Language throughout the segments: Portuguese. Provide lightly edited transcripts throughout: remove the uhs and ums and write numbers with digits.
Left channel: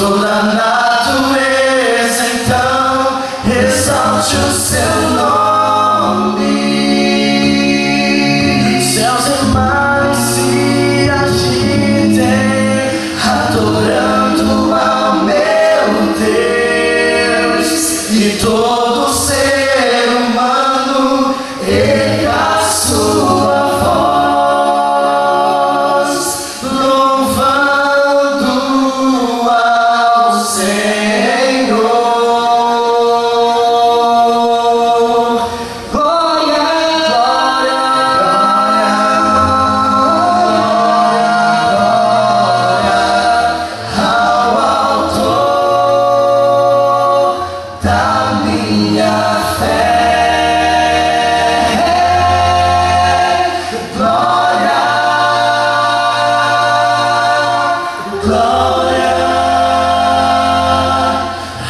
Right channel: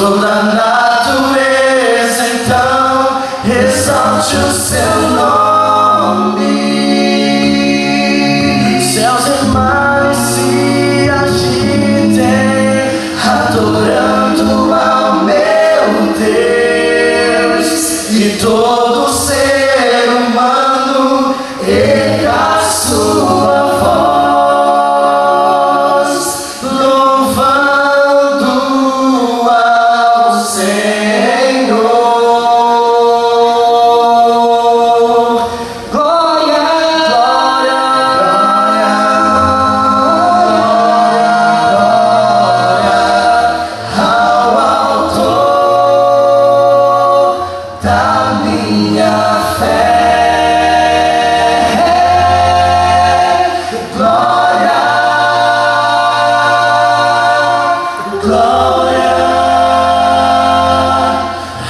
toda a natureza então exalte o seu nome. Céus e mares se agitem, adorando ao meu Deus, e todo ser humano erga a sua voz, louvando ao Senhor. Glória, glória, glória, ao Autor da minha fé. Glória, glória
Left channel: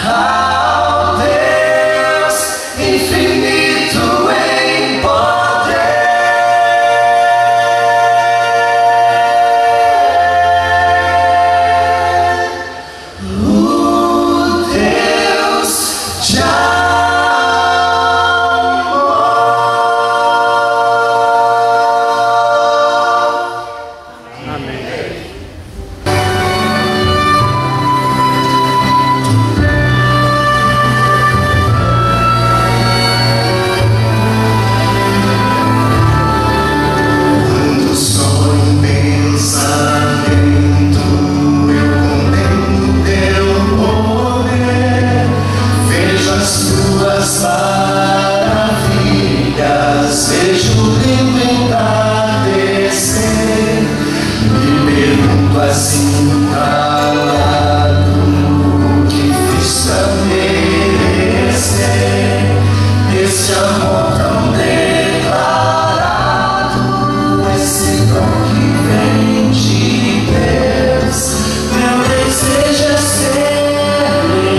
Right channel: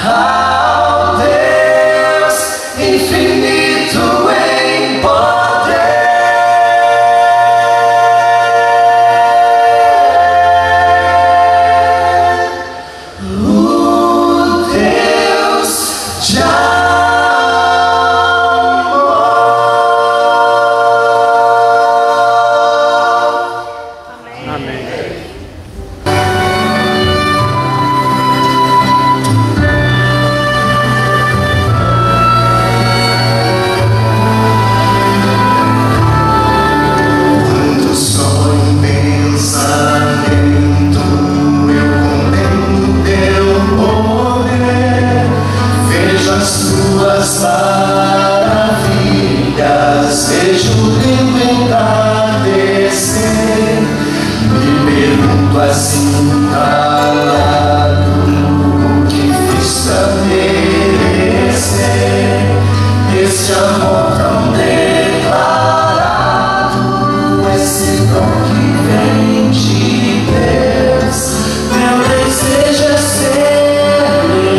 ao Deus infinito em poder, o Deus de amor. Amém. Quando só em pensamento eu contemplo teu poder, vejo as tuas maravilhas, vejo o lindo entardecer, me pergunto assim calado o que fiz pra merecer esse amor tão declarado, esse dom que vem de Deus. Meu desejo é ser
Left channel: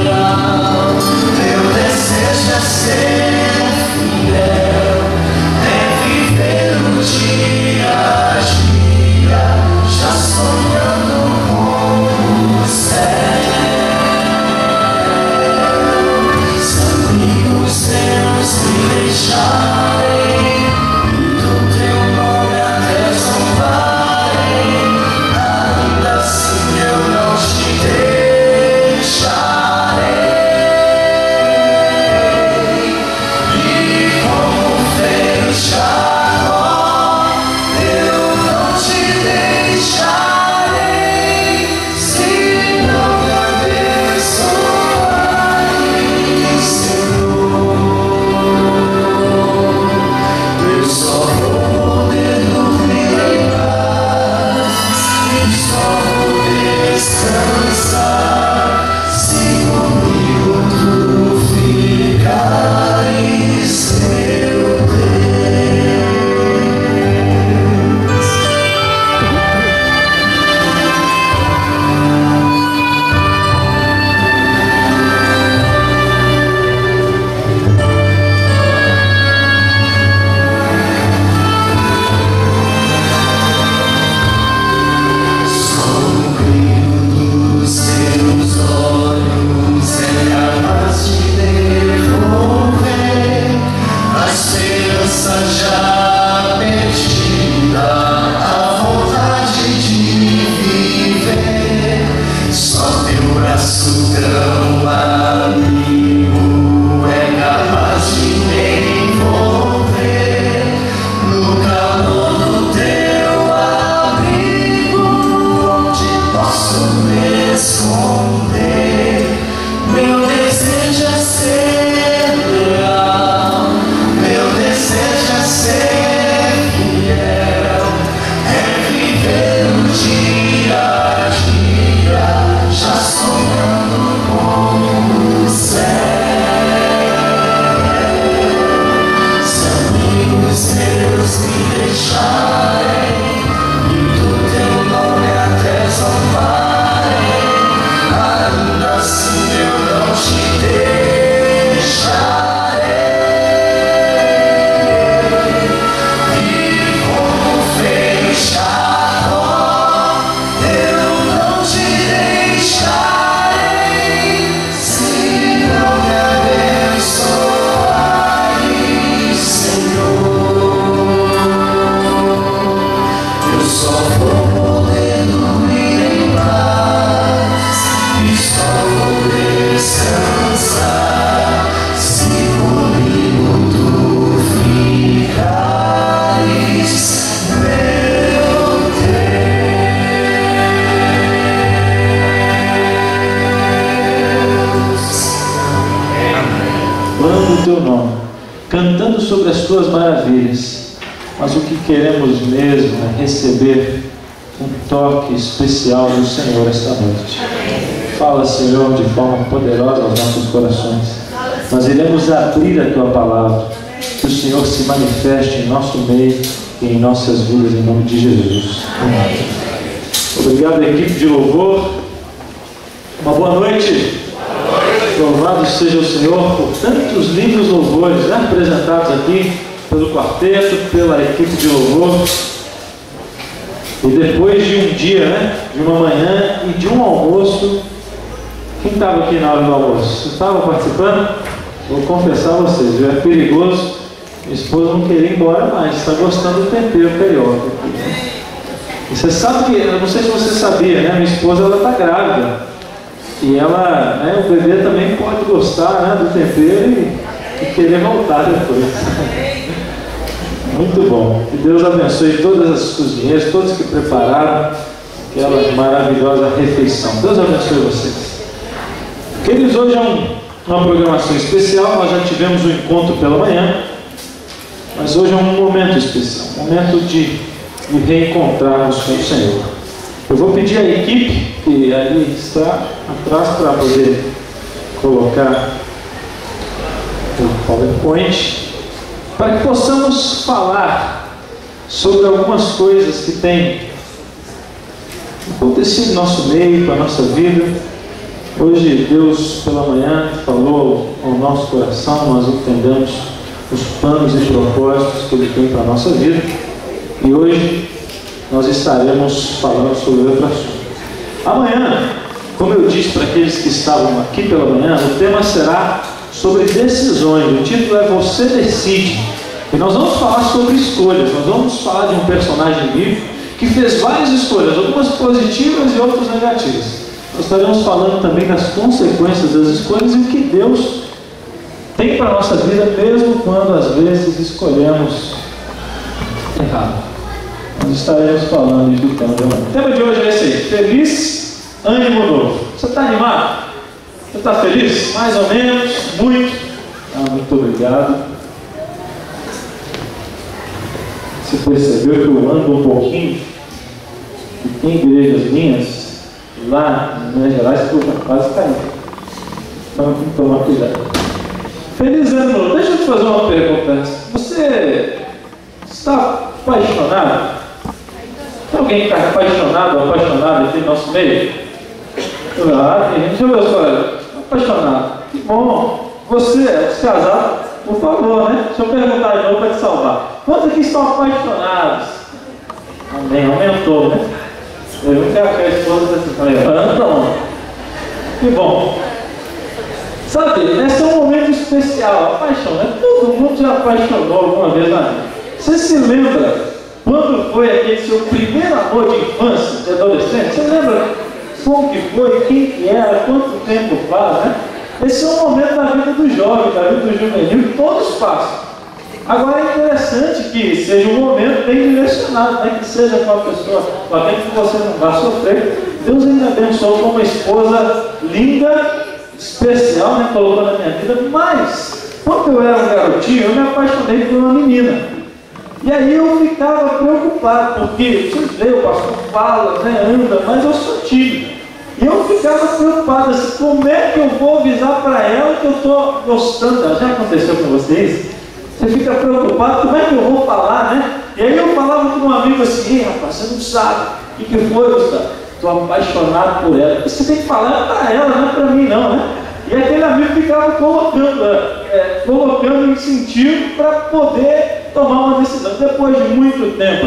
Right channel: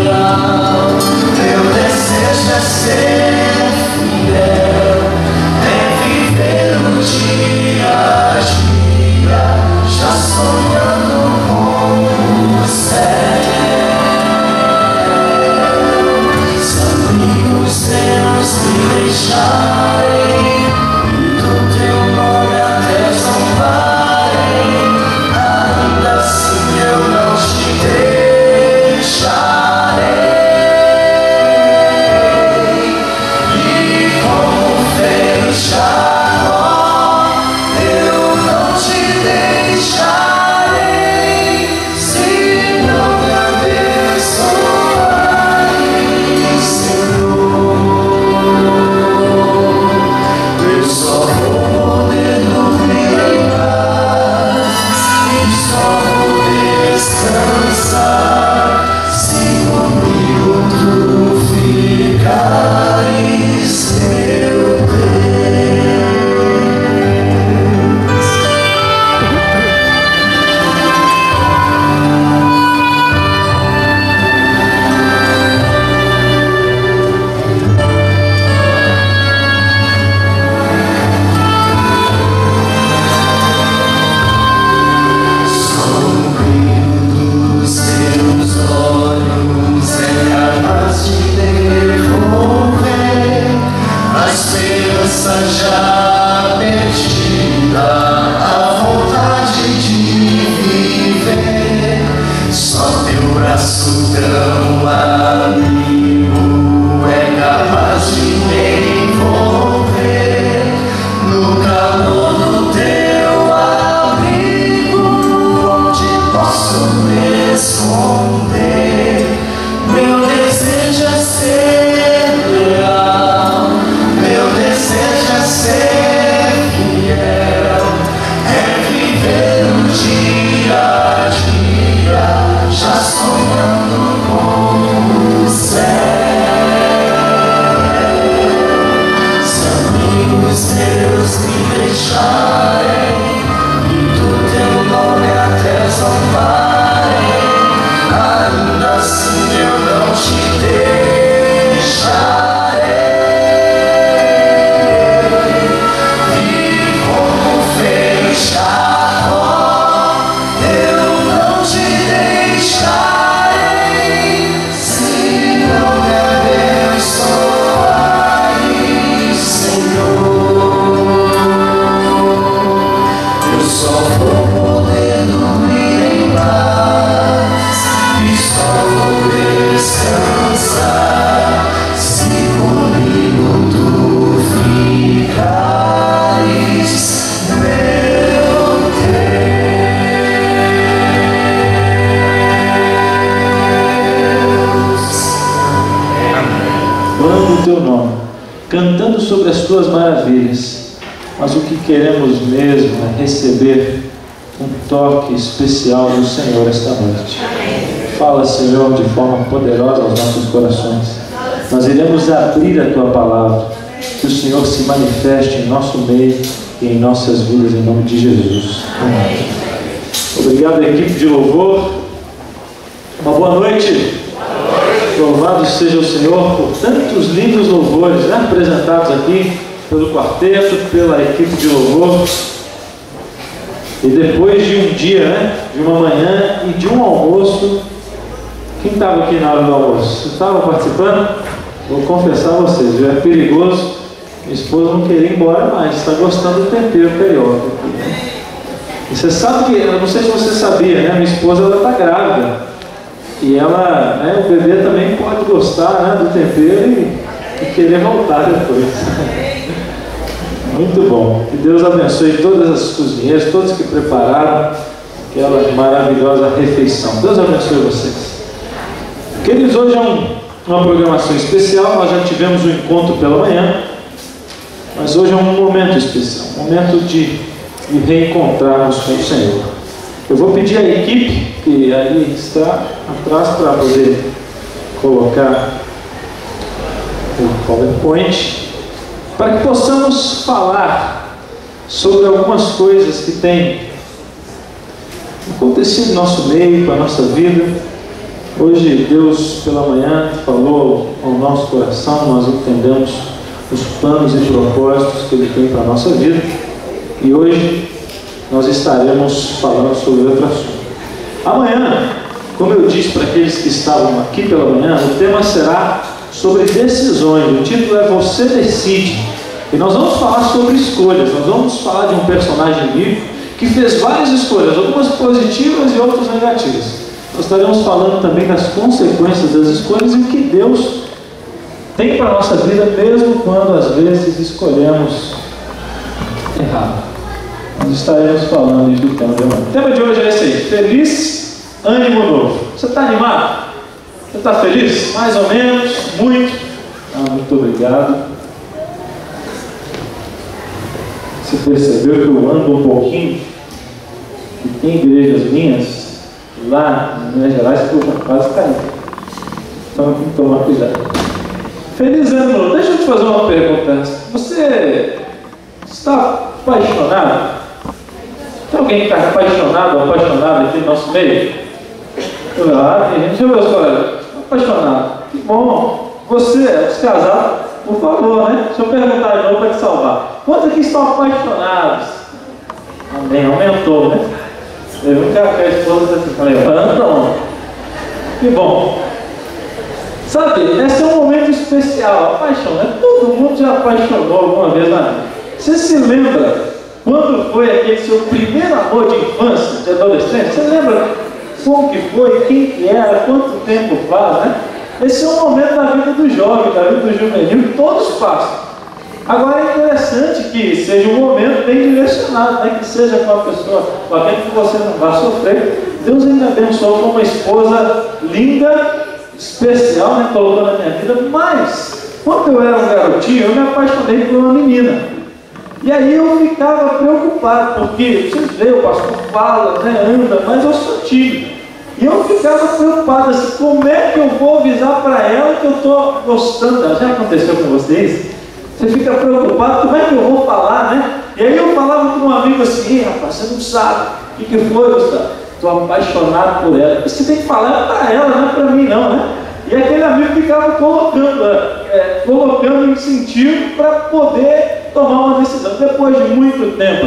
leal, meu desejo é ser fiel, é viver o dia a dia, já sonhando com o teu nome, cantando sobre as tuas maravilhas. Mas o que queremos mesmo é receber um toque especial do Senhor esta noite. Fala, Senhor, de forma poderosa aos nossos corações. Nós iremos abrir a tua palavra, que o Senhor se manifeste em nosso meio e em nossas vidas, em nome de Jesus. Amém. Obrigado, equipe de louvor. Uma boa noite. Louvado seja o Senhor por tantos lindos louvores, né, apresentados aqui pelo quarteto, pela equipe de louvor. E depois de um dia, né, de uma manhã e de um almoço, quem estava aqui na hora do almoço? Você estava participando? Vou confessar a vocês, viu? É perigoso. Minha esposa não queria ir embora mais, está gostando do tempero carioca. E você sabe que, eu não sei se você sabia, né? Minha esposa está grávida. E ela, né, o bebê também pode gostar, né, do tempero e querer voltar depois. Muito bom. Que Deus abençoe todas as cozinheiras, todos que prepararam aquela maravilhosa refeição. Deus abençoe vocês. Queridos, hoje é uma programação especial. Nós já tivemos um encontro pela manhã, mas hoje é um momento especial, um momento de reencontrarmos com o Senhor. Eu vou pedir à equipe que ali está atrás para poder colocar o PowerPoint, para que possamos falar sobre algumas coisas que têm acontecido no nosso meio, com a nossa vida. Hoje Deus pela manhã falou ao nosso coração, nós entendemos os planos e propósitos que Ele tem para a nossa vida, e hoje nós estaremos falando sobre outro assunto. Amanhã, como eu disse para aqueles que estavam aqui pela manhã, o tema será sobre decisões. O título é Você Decide. E nós vamos falar sobre escolhas. Nós vamos falar de um personagem bíblico que fez várias escolhas, algumas positivas e outras negativas. Nós estaremos falando também das consequências das escolhas e o que Deus tem para a nossa vida, mesmo quando às vezes escolhemos errado. Nós estaremos falando do tema de hoje. O tema de hoje é esse aí: feliz, ânimo novo. Você está animado? Você está feliz? Mais ou menos? Muito? Muito obrigado. Você percebeu que eu ando um pouquinho? E tem igrejas minhas lá em Minas Gerais que eu já quase caí. Então tem que tomar cuidado. Feliz ano novo. Deixa eu te fazer uma pergunta. Você está apaixonado? Tem alguém que está apaixonado ou apaixonada aqui no nosso meio? Ah, tem gente. Deixa eu ver os colegas. Apaixonado. Que bom. Você, os casados, por favor, né? Deixa eu perguntar de novo para te salvar. Quantos aqui estão apaixonados? Amém. Aumentou, né? Eu nunca a esposa assim, falei, então. Que bom. Sabe, esse é um momento especial. A paixão, né? Todo mundo já apaixonou alguma vez na vida. Você se lembra quando foi aquele seu primeiro amor de infância, de adolescente? Você lembra como que foi, quem que era, quanto tempo faz, né? Esse é um momento da vida do jovem, da vida do juvenil, que todos passam. Agora é interessante que seja um momento bem direcionado, né? Que seja com a pessoa, com aquele que você não vai sofrer. Deus ainda abençoou com uma esposa linda, especial, né? Colocou na minha vida. Mas, quando eu era um garotinho, eu me apaixonei por uma menina. E aí eu ficava preocupado, porque vocês veem, o pastor fala, né? Anda, mas eu sou tímido. E eu ficava preocupado assim, como é que eu vou avisar para ela que eu estou gostando dela? Já aconteceu com vocês? Você fica preocupado, como é que eu vou falar, né? E aí eu falava com um amigo assim, rapaz, você não sabe o que foi, Gustavo? Estou apaixonado por ela. Você tem que falar para ela, não é para mim não, né? E aquele amigo ficava colocando incentivo para poder tomar uma decisão. Depois de muito tempo,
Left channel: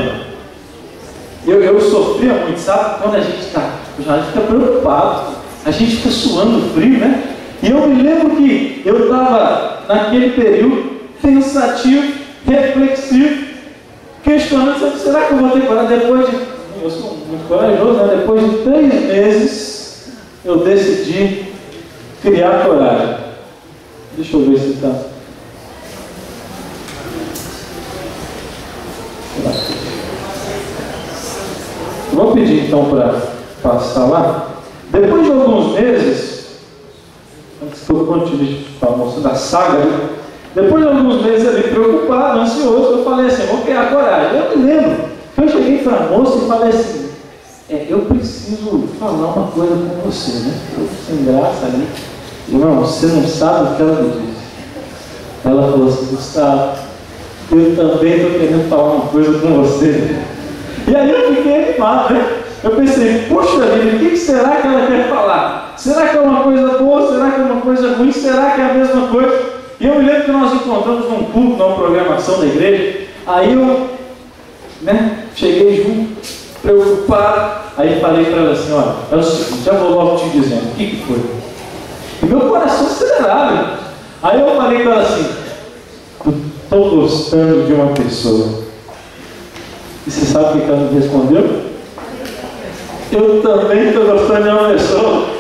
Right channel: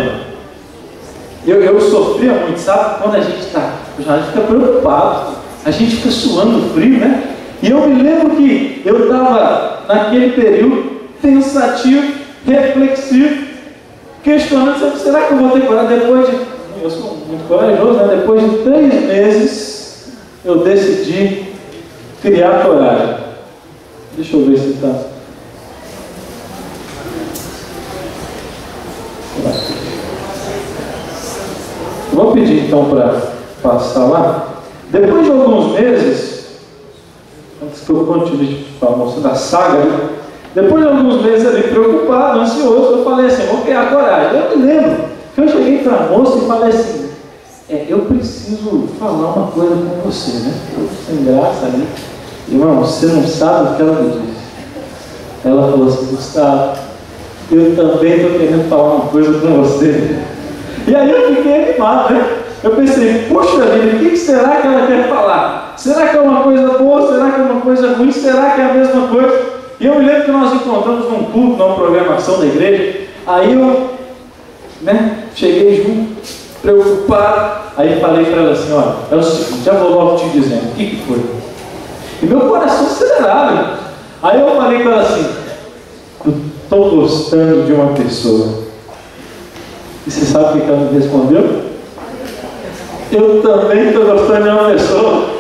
eu sofria muito, sabe? Quando a gente fica preocupado, a gente fica suando frio, né? E eu me lembro que eu estava naquele período pensativo, reflexivo, questionando, será que eu vou ter coragem? Depois de, eu sou muito corajoso, né? Depois de 3 meses, eu decidi criar coragem. Deixa eu ver se está. Vou pedir então para passar lá. Depois de alguns meses, antes que eu continue mostrando a saga, Depois de alguns meses ali, preocupado, ansioso, eu falei assim, vou criar coragem. Eu me lembro que eu cheguei para a moça e falei assim, eu preciso falar uma coisa com você, né? Eu sem graça ali. Irmão, você não sabe o que ela me disse. Ela falou assim, Gustavo, eu também estou querendo falar uma coisa com você. E aí eu fiquei animado, né? Eu pensei, poxa vida, o que será que ela quer falar? Será que é uma coisa boa? Será que é uma coisa ruim? Será que é a mesma coisa? E eu me lembro que nós encontramos num culto, numa programação da igreja. Aí eu, cheguei junto, preocupado. Aí falei para ela assim, olha, é o seguinte, já vou logo te dizendo, o que foi? E meu coração acelerado. Aí eu falei para ela assim, eu estou gostando de uma pessoa. E você sabe o que ela me respondeu? Eu também estou gostando de uma pessoa.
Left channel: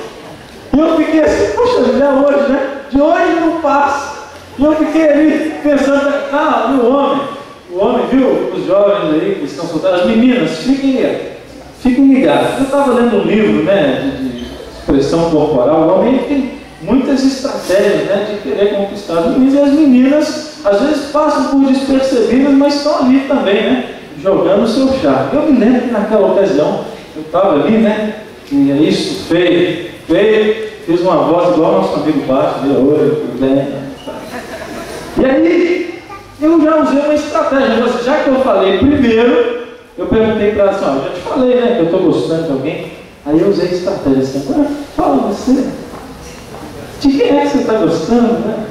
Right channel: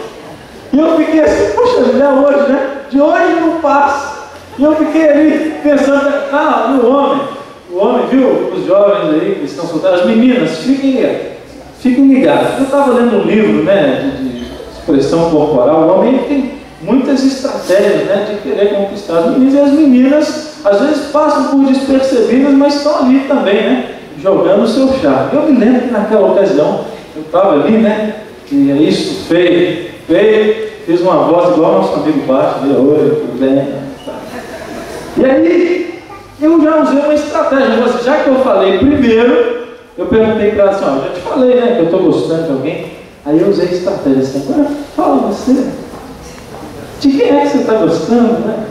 E eu fiquei assim, poxa, já hoje, né? De hoje não passa. E eu fiquei ali pensando, o homem, viu? Os jovens aí que estão solteiros, as meninas, fiquem ligados. Eu estava lendo um livro, né, de expressão corporal. O homem tem muitas estratégias, né, de querer conquistar as meninas. E as meninas, às vezes, passam por despercebidas, mas estão ali também, né, jogando o seu charme. Eu me lembro que naquela ocasião, eu estava ali, né, e é isso, feio, fiz uma voz igual ao nosso amigo Baixo, tudo bem. E aí, eu já usei uma estratégia, já que eu falei primeiro, eu perguntei para ela assim, eu já te falei, né, que eu estou gostando de alguém. Aí eu usei a estratégia assim, agora fala você, de quem é que você está gostando, né?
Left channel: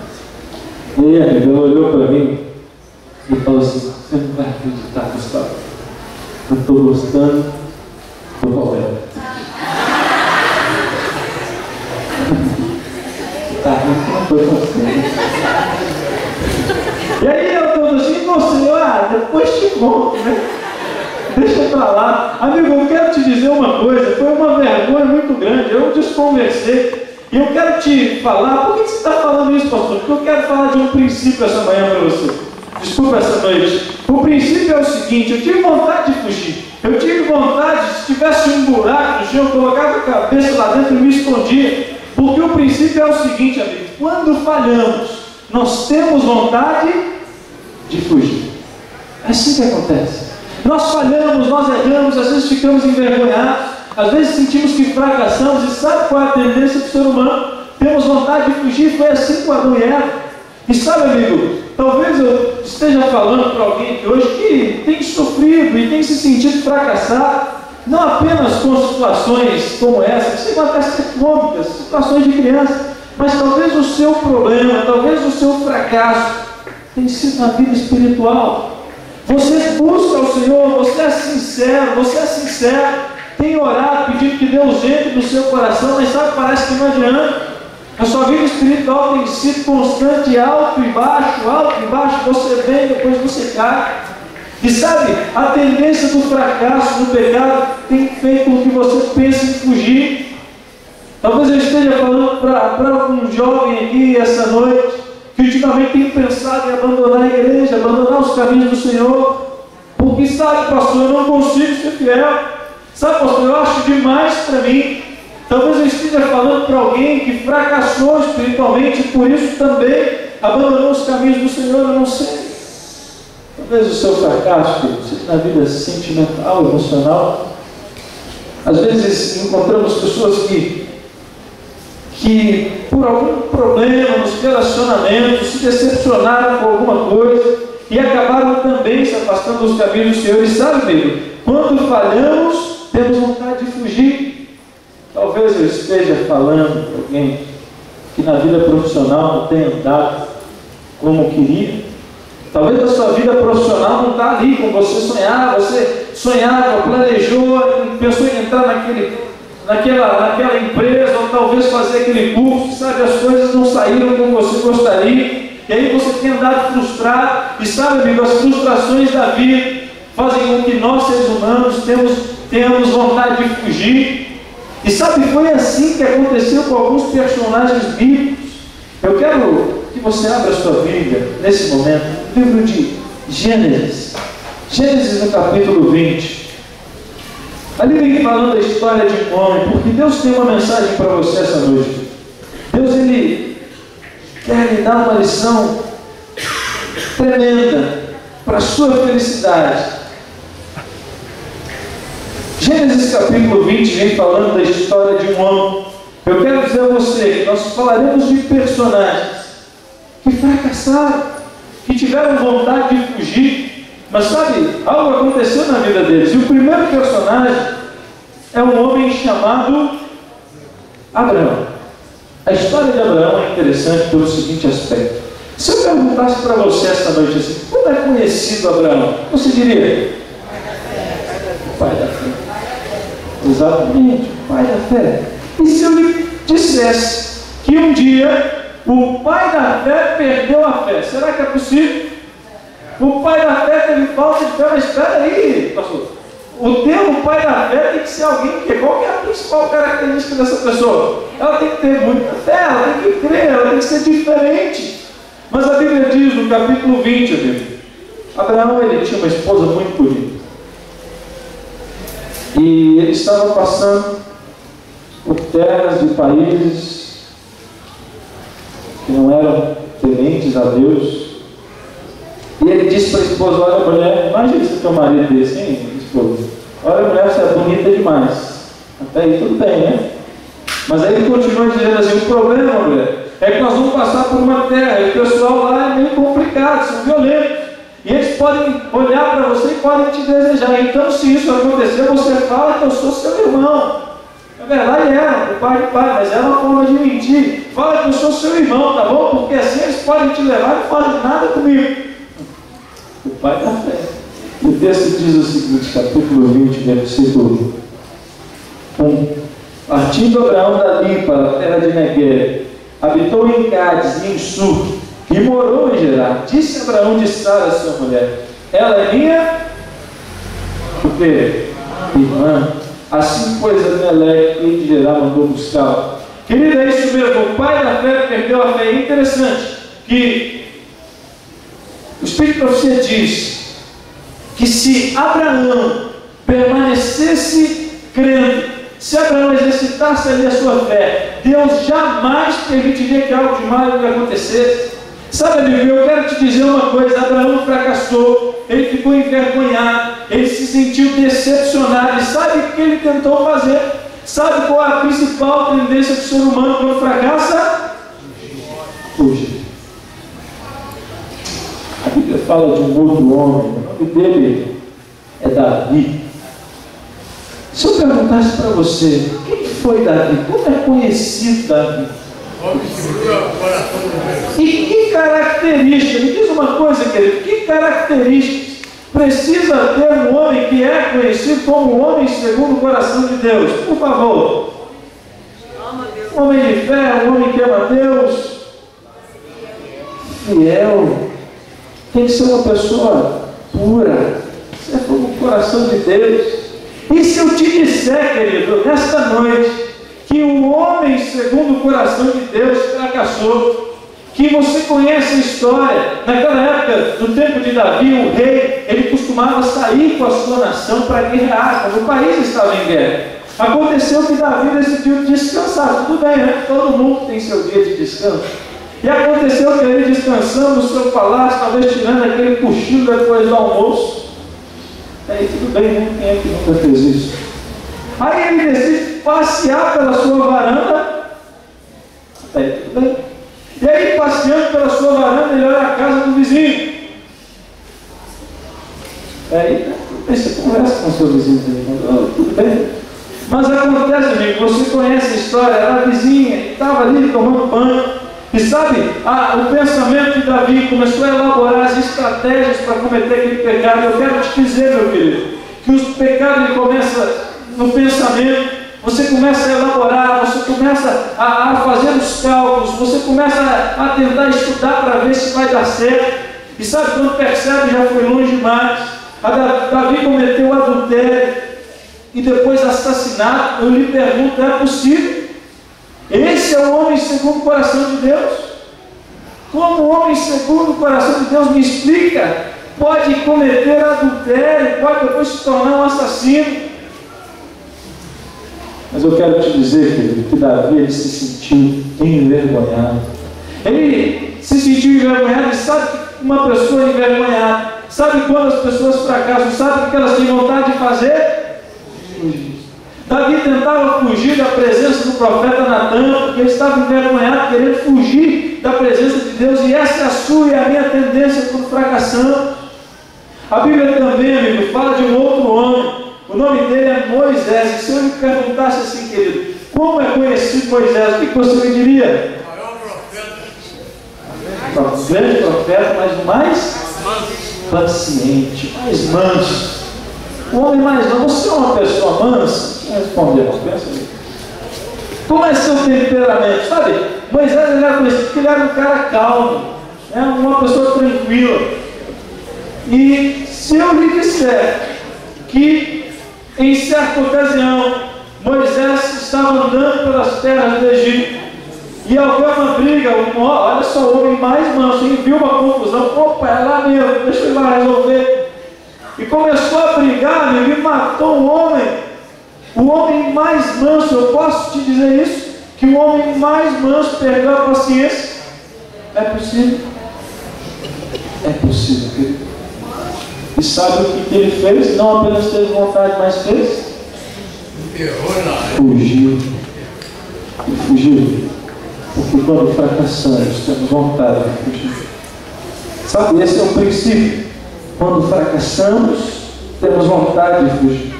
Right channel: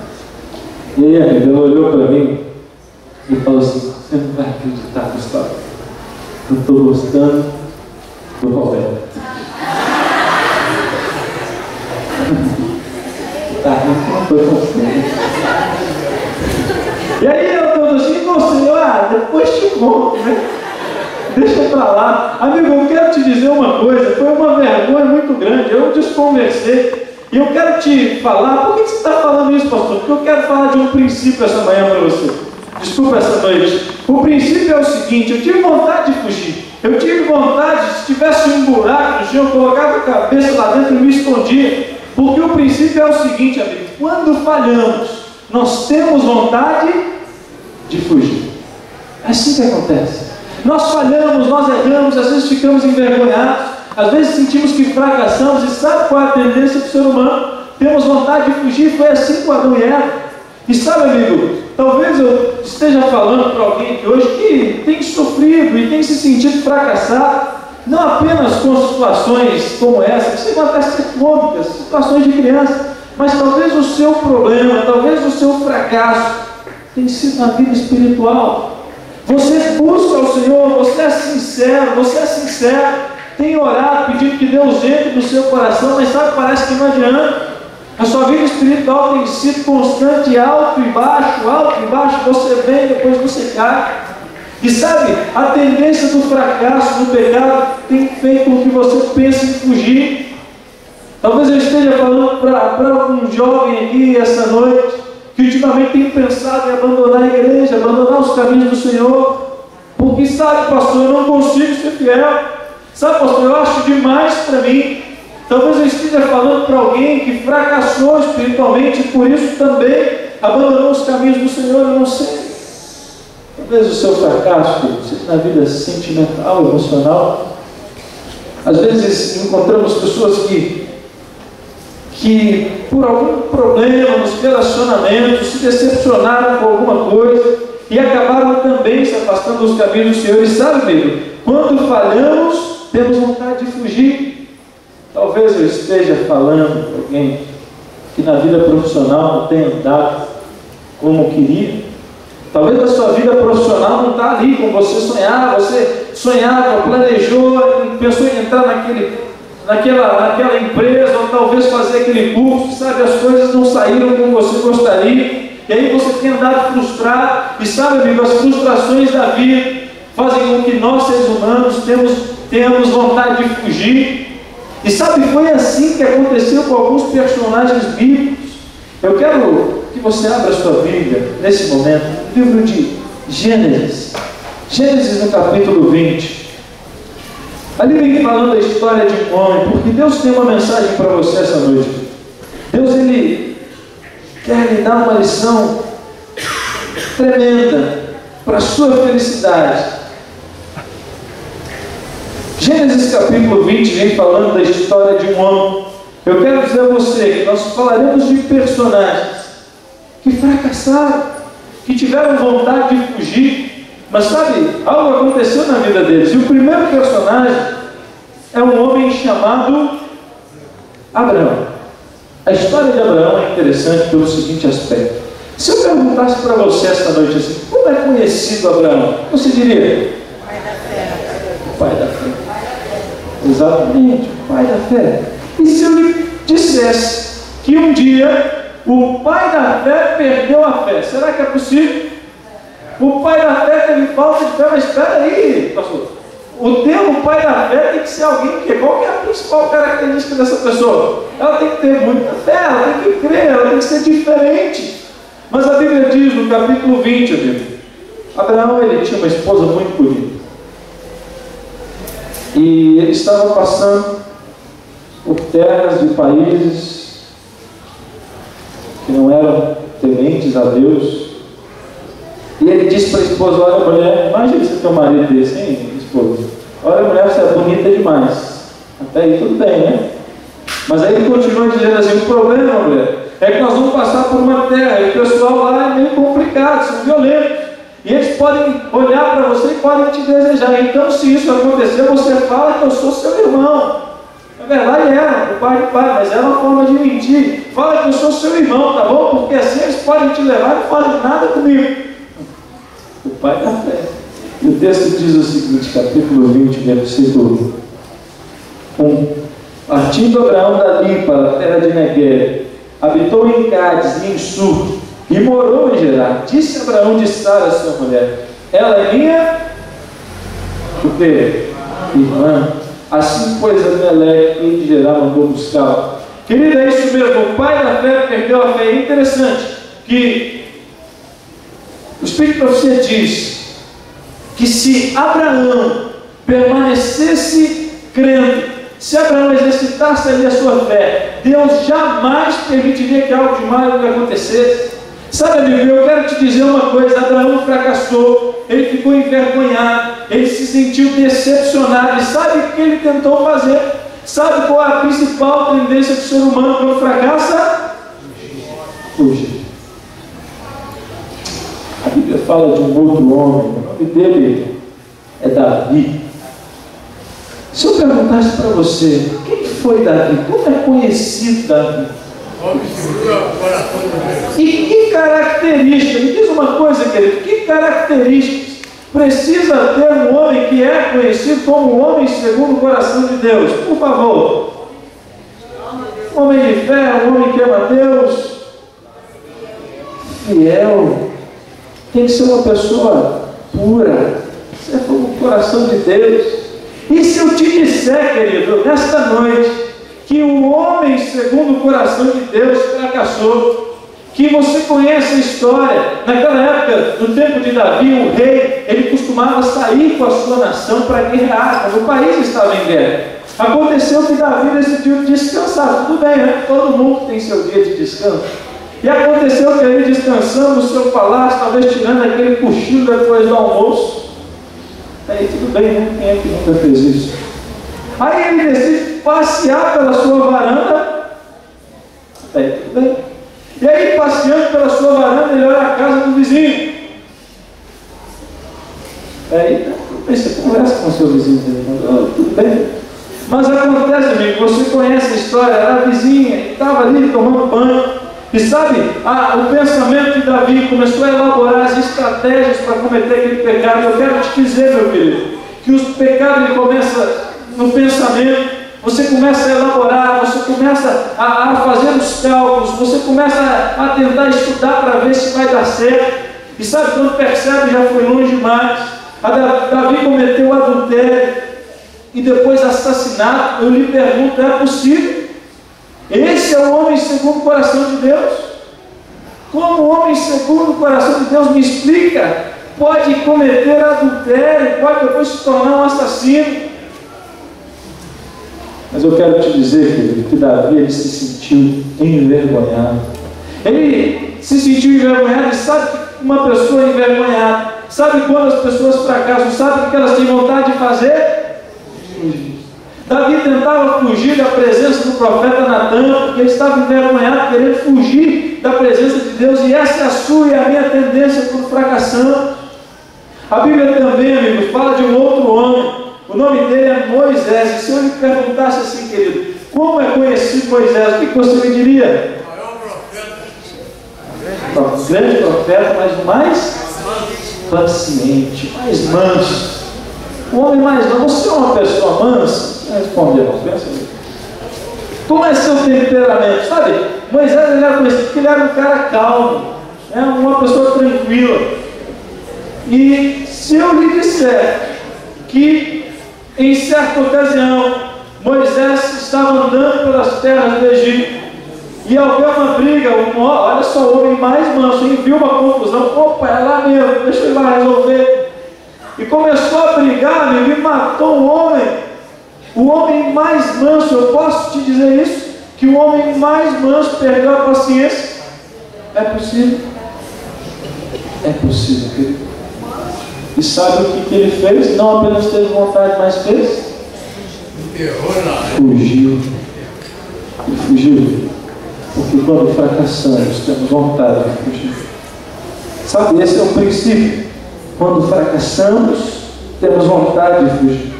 E aí, amiga, ela olhou para mim e falou assim, você não vai acreditar, Gustavo, eu estou gostando do Roberto. Tá, não foi você. E aí eu estou assim, você, depois te conto, né? Deixa pra lá. Amigo, eu quero te dizer uma coisa, foi uma vergonha muito grande, eu desconversei. E eu quero te falar, por que você está falando isso, pastor? Porque eu quero falar de um princípio essa manhã para você. Desculpa essa noite. O princípio é o seguinte, eu tive vontade de fugir. Eu tive vontade, se tivesse um buraco no chão, eu colocava a cabeça lá dentro e me escondia. Porque o princípio é o seguinte, amigo, quando falhamos, nós temos vontade de fugir. É assim que acontece. Nós falhamos, nós erramos, às vezes ficamos envergonhados, às vezes sentimos que fracassamos, e sabe qual é a tendência do ser humano? Temos vontade de fugir, foi assim com Adão e Eva. E sabe, amigo, talvez eu esteja falando para alguém aqui hoje que tem sofrido e tem se sentido fracassado, não apenas com situações como essa, que chegam até a ser cômicas, situações de criança, mas talvez o seu problema, talvez o seu fracasso tenha sido na vida espiritual. Você busca o Senhor, você é sincero, tem orado, pedindo que Deus entre no seu coração, mas sabe, parece que não adianta. A sua vida espiritual tem sido constante, alto e baixo, você vem, depois você cai. E sabe, a tendência do fracasso, do pecado, tem feito com que você pense em fugir. Talvez eu esteja falando para algum jovem aqui essa noite, que ultimamente tem pensado em abandonar a igreja, abandonar os caminhos do Senhor, porque sabe, pastor, eu não consigo ser fiel, sabe, pastor, eu acho demais para mim. Talvez eu esteja falando para alguém que fracassou espiritualmente e por isso também abandonou os caminhos do Senhor, eu não sei. Talvez o seu fracasso seja na vida sentimental, emocional. Às vezes encontramos pessoas que por algum problema nos relacionamentos se decepcionaram com alguma coisa e acabaram também se afastando dos caminhos do Senhor. E sabe, amigo, quando falhamos, temos vontade de fugir. Talvez eu esteja falando para alguém que na vida profissional não tenha andado como queria. Talvez a sua vida profissional não está ali como você sonhava, planejou, pensou em entrar naquela empresa, ou talvez fazer aquele curso, sabe, as coisas não saíram como você gostaria, e aí você tem andado frustrado, e sabe, amigo, as frustrações da vida fazem com que nós, seres humanos, tenhamos vontade de fugir. E sabe, foi assim que aconteceu com alguns personagens bíblicos. Eu quero que você abra a sua Bíblia, nesse momento, no livro de Gênesis, no capítulo 20. Ali vem falando a história de um homem, porque Deus tem uma mensagem para você essa noite. Deus, Ele quer lhe dar uma lição tremenda para a sua felicidade. Gênesis capítulo 20 vem falando da história de um homem. Eu quero dizer a você que nós falaremos de personagens que fracassaram, que tiveram vontade de fugir, mas sabe, algo aconteceu na vida deles. E o primeiro personagem é um homem chamado Abraão. A história de Abraão é interessante pelo seguinte aspecto. Se eu perguntasse para você esta noite assim, como é conhecido Abraão? Você diria? O pai da fé. Exatamente, o pai da fé. E se eu lhe dissesse que um dia o pai da fé perdeu a fé, será que é possível? O pai da fé teve falta de fé, mas espera aí, pastor. O termo pai da fé tem que ser alguém que, qual que é a principal característica dessa pessoa? Ela tem que ter muita fé, ela tem que crer, ela tem que ser diferente. Mas a Bíblia diz no capítulo 20, amigo, Abraão ele tinha uma esposa muito bonita. E ele estava passando por terras de países que não eram tementes a Deus. E ele disse para a esposa: olha, mulher, imagina você ter um marido desse, hein, esposa? Olha, mulher, você é bonita demais. Até aí tudo bem, né? Mas aí ele continua dizendo assim: o problema, mulher, é que nós vamos passar por uma terra e o pessoal lá é meio complicado, são violentos. E eles podem olhar para você e podem te desejar. Então, se isso acontecer, você fala que eu sou seu irmão. Na verdade era, o pai do pai, mas era uma forma de mentir. Fala que eu sou seu irmão, tá bom? Porque assim eles podem te levar e não fazem nada comigo. O pai da fé. E o texto diz o seguinte, capítulo 20, versículo 1. Partindo Abraão dali para a terra de Negueb, habitou em Cádiz e em Sur, e morou em Gerar. Disse Abraão de Sara, sua mulher: ela é minha o quê? Irmã. Assim, pois, Abimeleque, rei de Gerar, mandou buscá-la. Querido, é isso mesmo. O pai da fé perdeu a fé. É interessante que o Espírito de Profecia diz que se Abraão permanecesse crendo, se Abraão exercitasse ali a sua fé, Deus jamais permitiria que algo de mal lhe acontecesse. Sabe, amigo, eu quero te dizer uma coisa: Abraão fracassou, ele ficou envergonhado, ele se sentiu decepcionado. E sabe o que ele tentou fazer? Sabe qual é a principal tendência do ser humano quando fracassa? Fugir. A Bíblia fala de um outro homem, o nome dele é Davi. Se eu perguntasse para você, quem foi Davi? Como é conhecido Davi? E que característica, me diz uma coisa, querido, que características precisa ter um homem que é conhecido como um homem segundo o coração de Deus? Por favor. Um homem de fé, um homem que ama Deus, fiel, tem que ser uma pessoa pura, segundo o coração de Deus. E se eu te disser, querido, nesta noite, que o homem segundo o coração de Deus fracassou, que você conhece a história, naquela época, no tempo de Davi, o rei, ele costumava sair com a sua nação para guerrear, quando o país estava em guerra. Aconteceu que Davi decidiu descansar, tudo bem, né? Todo mundo tem seu dia de descanso. E aconteceu que ele descansando no seu palácio, talvez tirando aquele cochilo depois do almoço. Aí tudo bem, né? Quem é que nunca fez isso? Aí ele decide passear pela sua varanda. Aí tudo bem. E aí, passeando pela sua varanda, ele olha a casa do vizinho. Aí, você conversa com o seu vizinho. Tudo bem. Mas acontece, amigo, você conhece a história, era a vizinha, estava ali tomando banho. E sabe, o pensamento de Davi começou a elaborar as estratégias para cometer aquele pecado. Eu quero te dizer, meu querido, que os pecados ele começam no pensamento. Você começa a elaborar, você começa a fazer os cálculos, você começa a tentar estudar para ver se vai dar certo. E sabe, quando percebe, já foi longe demais. Davi cometeu adultério e depois assassinato. Eu lhe pergunto, é possível? Esse é o homem segundo o coração de Deus? Como o homem segundo o coração de Deus, me explica, pode cometer adultério, pode depois se tornar um assassino? Mas eu quero te dizer, querido, que Davi ele se sentiu envergonhado. Ele se sentiu envergonhado e sabe uma pessoa envergonhada? Sabe quando as pessoas fracassam? Sabe o que elas têm vontade de fazer? Fugir. Davi tentava fugir da presença do profeta Natan, porque ele estava envergonhado, querendo fugir da presença de Deus, e essa é a sua e a minha tendência por fracassão. A Bíblia também, amigo, fala de um outro homem, o nome dele é Moisés. E se eu lhe perguntasse assim, querido, como é conhecido Moisés, o que você me diria? Um grande profeta, mas o mais paciente, mais manso. O homem mais manso. Você é uma pessoa mansa? Respondeu, pensa aí. Como é seu temperamento? Sabe, Moisés ele era conhecido porque ele era um cara calmo, uma pessoa tranquila. E se eu lhe disser que em certa ocasião Moisés estava andando pelas terras do Egito e ao ver uma briga, olha só, o homem mais manso, e viu uma confusão, opa, é lá mesmo, deixa eu ir lá resolver. E começou a brigar, amigo, e matou um homem. O homem mais manso, eu posso te dizer isso? Que o homem mais manso perdeu a paciência? É possível? É possível, querido. E sabe o que ele fez? Não apenas teve vontade, mas fez? Fugiu. Ele fugiu. Porque quando fracassamos, temos vontade de fugir. Sabe, esse é o princípio. Quando fracassamos, temos vontade de fugir.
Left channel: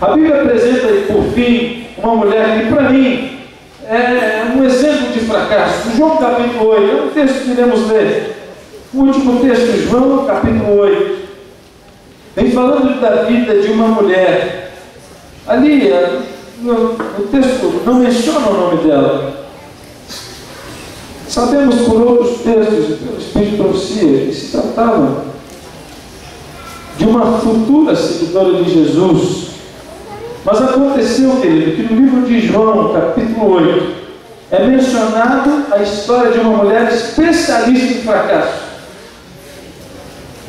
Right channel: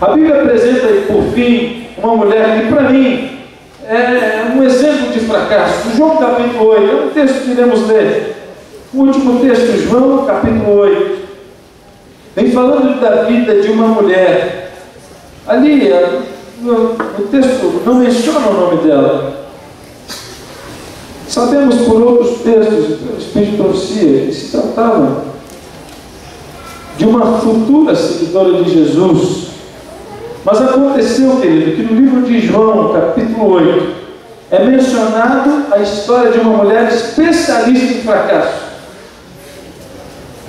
A Bíblia apresenta, por fim, uma mulher que, para mim, é um exemplo de fracasso. João capítulo 8, é um texto que iremos ler. O último texto, João capítulo 8. Vem falando da vida de uma mulher. Ali, o texto não menciona o nome dela. Sabemos por outros textos, pelo Espírito de Profecia, que se tratava de uma futura seguidora de Jesus. Mas aconteceu, querido, que no livro de João, capítulo 8, é mencionado a história de uma mulher especialista em fracasso.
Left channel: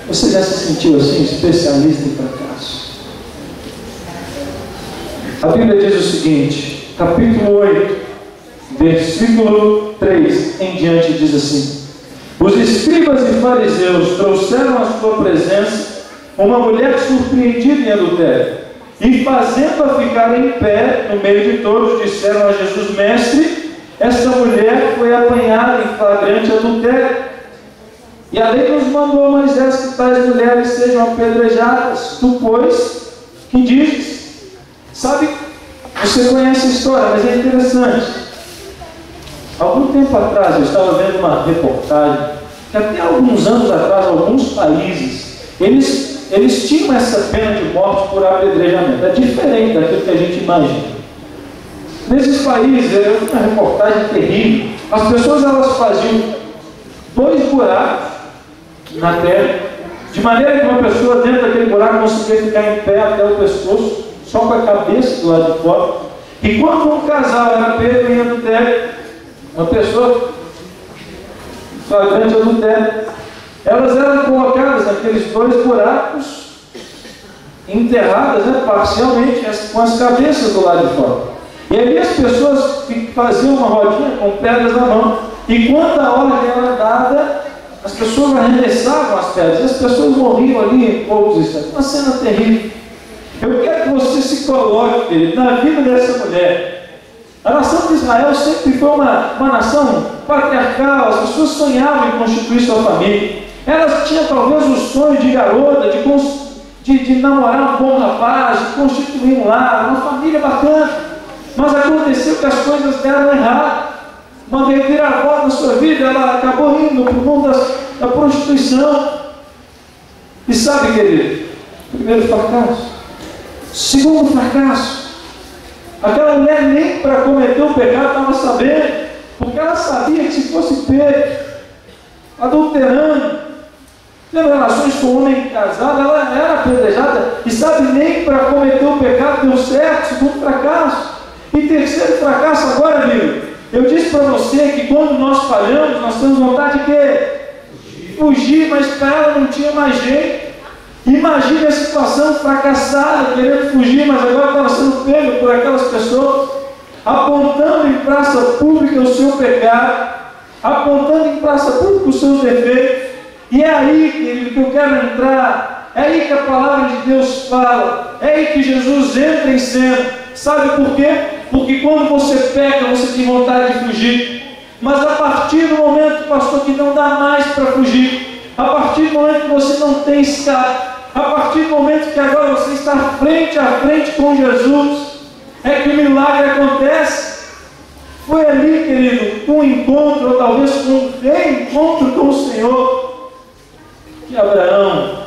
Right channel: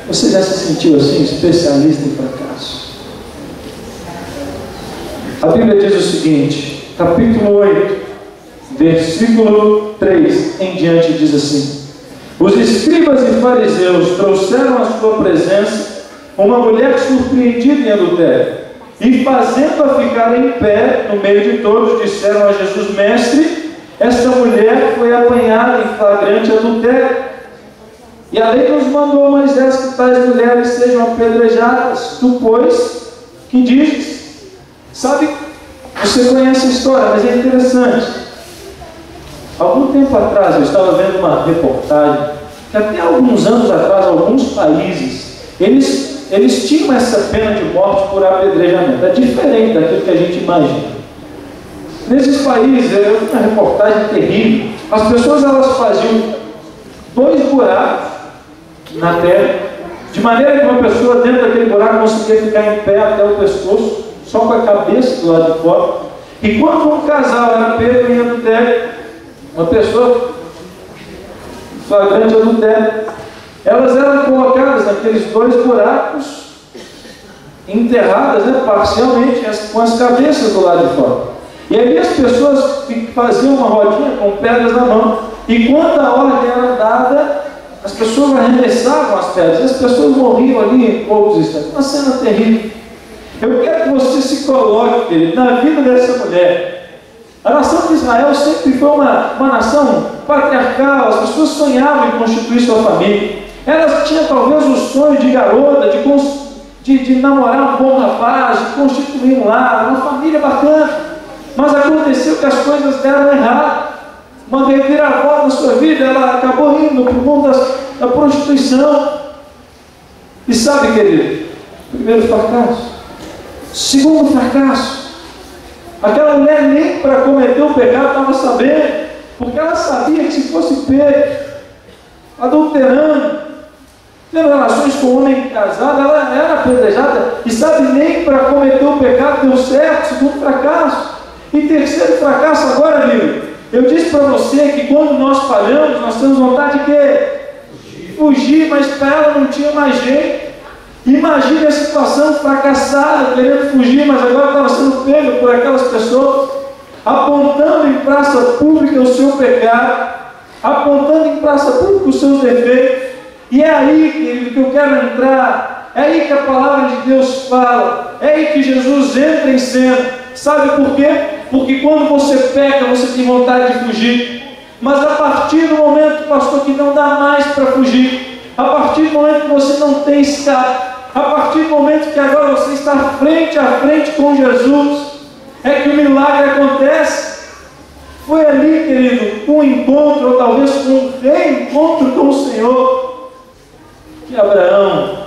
Você já se sentiu assim, especialista em fracasso? A Bíblia diz o seguinte, capítulo 8, versículo 3 em diante, diz assim: os escribas e fariseus trouxeram à sua presença uma mulher surpreendida em adultério, e fazendo-a ficar em pé no meio de todos, disseram a Jesus: mestre, esta mulher foi apanhada em flagrante adultério, e a lei nos mandou, Moisés, que tais mulheres sejam apedrejadas. Tu, pois, que dizes? Sabe, você conhece a história, mas é interessante. Algum tempo atrás eu estava vendo uma reportagem que até alguns anos atrás alguns países eles tinham essa pena de morte por apedrejamento. É diferente daquilo que a gente imagina. Nesses países, é uma reportagem terrível. As pessoas elas faziam 2 buracos na terra, de maneira que uma pessoa dentro daquele buraco conseguia ficar em pé até o pescoço, só com a cabeça do lado de fora. E quando um casal era pego em adultério, uma pessoa flagrante adultério, elas eram colocadas naqueles 2 buracos, enterradas, parcialmente, com as cabeças do lado de fora. E ali as pessoas faziam uma rodinha com pedras na mão, e quando a ordem era dada, as pessoas arremessavam as pedras, e as pessoas morriam ali em poucos instantes. Uma cena terrível. Eu quero que você se coloque, querido, na vida dessa mulher. A nação de Israel sempre foi uma nação patriarcal. As pessoas sonhavam em constituir sua família. Elas tinham talvez o sonho de garota, de namorar um bom rapaz, de constituir um lar, uma família bacana. Mas aconteceu que as coisas deram errado. Uma reviravolta na sua vida, ela acabou indo para o mundo da prostituição. E sabe, querido, primeiro fracasso. Segundo fracasso, aquela mulher nem para cometer o pecado estava sabendo, porque ela sabia que se fosse pego, adulterando, tendo relações com um homem casado, ela era apedrejada, e sabe, nem para cometer o pecado deu certo. Segundo fracasso. E terceiro fracasso agora, amigo, eu disse para você que quando nós falhamos, nós temos vontade de quê? Fugir, mas para ela não tinha mais jeito. Imagine a situação, fracassada, querendo fugir, mas agora estava sendo pego por aquelas pessoas, apontando em praça pública o seu pecado, apontando em praça pública os seus defeitos, E é aí, querido, que eu quero entrar. É aí que a palavra de Deus fala. É aí que Jesus entra em cena. Sabe por quê? Porque quando você peca, você tem vontade de fugir. Mas a partir do momento, pastor, que não dá mais para fugir, a partir do momento que você não tem escape, a partir do momento que agora você está frente a frente com Jesus, é que o milagre acontece. Foi ali, querido, um encontro, ou talvez um reencontro com o Senhor, que Abraão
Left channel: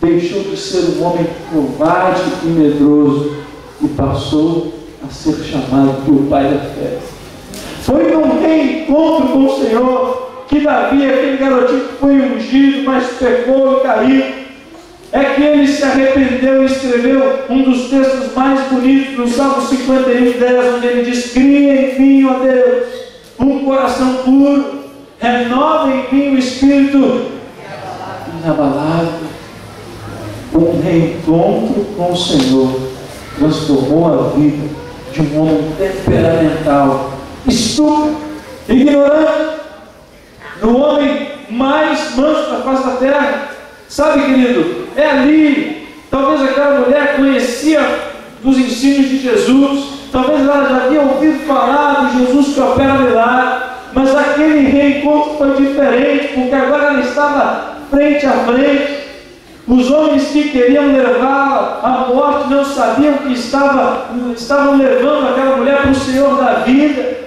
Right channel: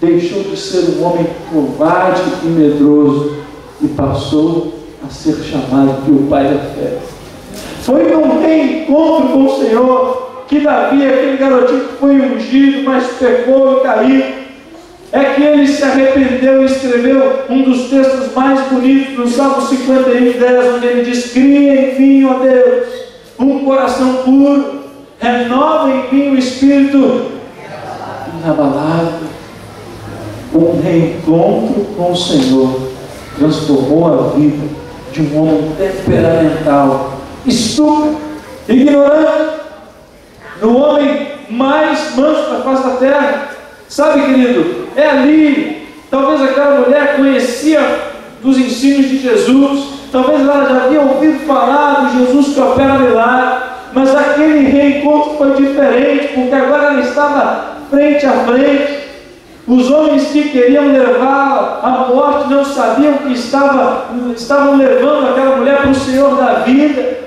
deixou de ser um homem covarde e medroso e passou a ser chamado de o pai da fé. Foi num reencontro com o Senhor que Davi, aquele garotinho que foi ungido, mas pecou e caiu, é que ele se arrependeu e escreveu um dos textos mais bonitos no Salmo 51:10, onde ele diz: cria em mim, ó Deus, um coração puro, renova em mim o espírito inabalável. Um reencontro com o Senhor transformou a vida de um homem temperamental, estúpido, ignorante, no homem mais manso da face da terra. Sabe, querido, é ali, talvez aquela mulher conhecia dos ensinos de Jesus, talvez ela já havia ouvido falar de Jesus que opera milagre, mas aquele reencontro foi diferente, porque agora ela estava frente a frente. Os homens que queriam levá-la à morte não sabiam que estavam levando aquela mulher para o Senhor da vida.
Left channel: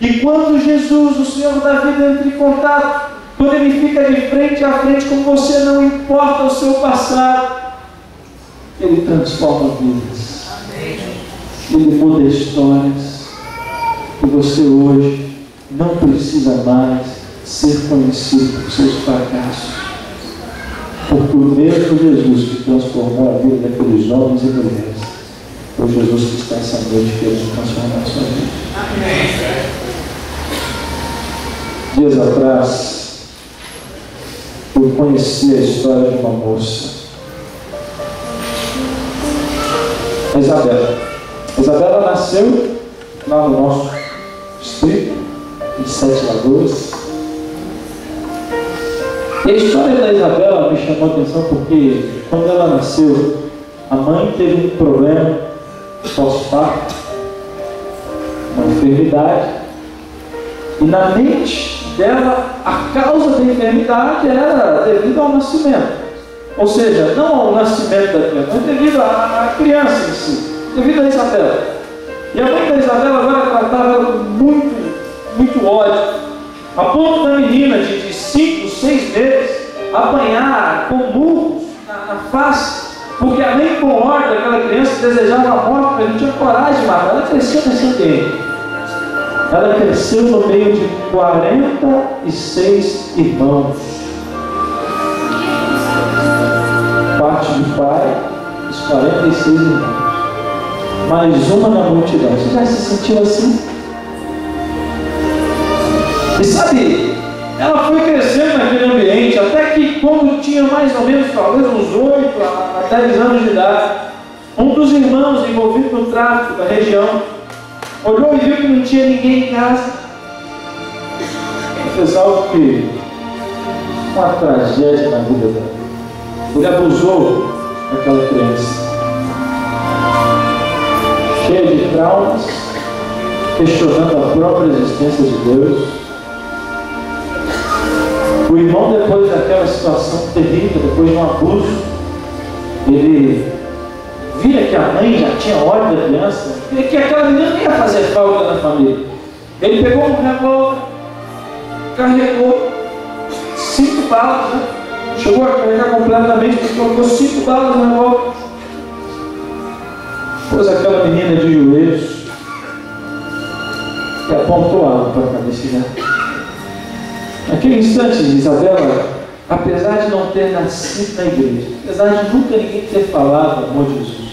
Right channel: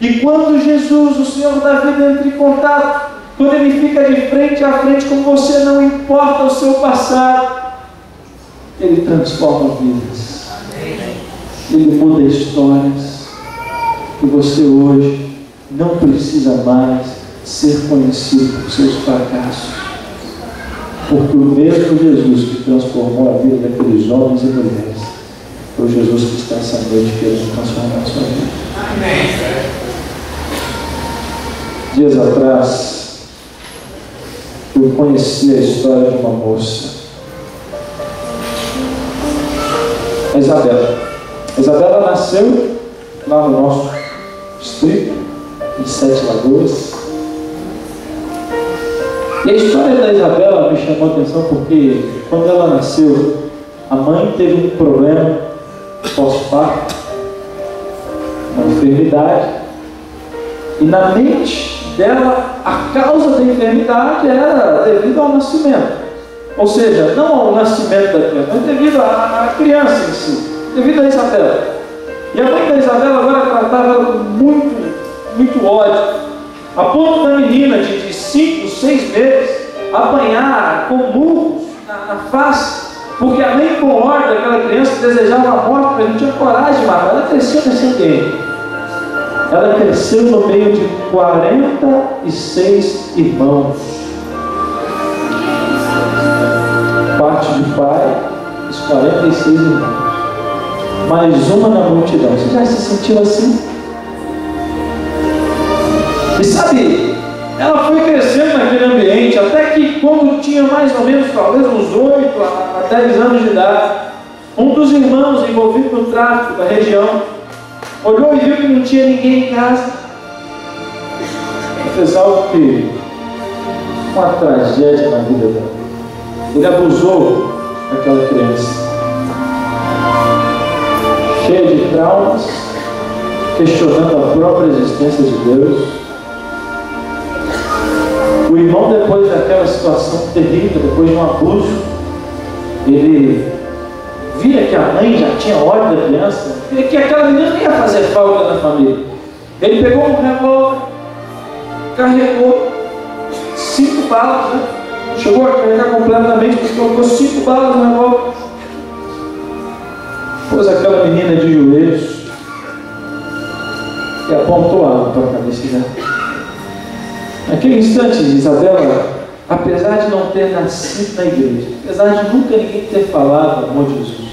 E quando Jesus, o Senhor da vida, entra em contato, quando Ele fica de frente a frente com você, não importa o seu passado, Ele transforma vidas, Ele muda histórias. E você hoje não precisa mais ser conhecido por seus fracassos, porque o mesmo Jesus que transformou a vida daqueles homens e mulheres foi o Jesus que está essa noite querendo transformar a sua vida. Amém. Dias atrás, eu conheci a história de uma moça, a Isabela. A Isabela nasceu lá no nosso distrito, em Sete Lagoas. E a história da Isabela me chamou a atenção porque, quando ela nasceu, a mãe teve um problema pós-parto, uma enfermidade, e na mente dela, a causa da enfermidade era devido ao nascimento. Ou seja, não ao nascimento da criança, mas devido à criança em si, devido a Isabela. E a mãe da Isabela agora tratava ela com muito ódio, a ponto da menina de 5, 6 meses apanhar com murros na face, porque a mãe com ordem daquela criança desejava a morte, mas não tinha coragem de matar. Ela cresceu nesse ambiente. Ela cresceu no meio de 46 irmãos, parte de pai, os 46 irmãos, mais uma na multidão. Você já se sentiu assim? E sabe, ela foi crescendo naquele ambiente, até que quando tinha mais ou menos, talvez uns 8 a 10 anos de idade, um dos irmãos envolvido no tráfico da região olhou e viu que não tinha ninguém em casa. Ele fez algo que, uma tragédia na vida dela. Ele abusou daquela criança, cheia de traumas, questionando a própria existência de Deus. O irmão, depois daquela situação terrível, depois de um abuso, ele via que a mãe já tinha ódio da criança, via que aquela menina não ia fazer falta na família. Ele pegou um revólver, carregou 5 balas, né? Chegou a carregar completamente, mas colocou 5 balas no revólver, pôs aquela menina de joelhos e apontou a arma para a cabeça dela. Naquele instante, Isabela, apesar de não ter nascido na igreja, apesar de nunca ninguém ter falado do amor de Jesus,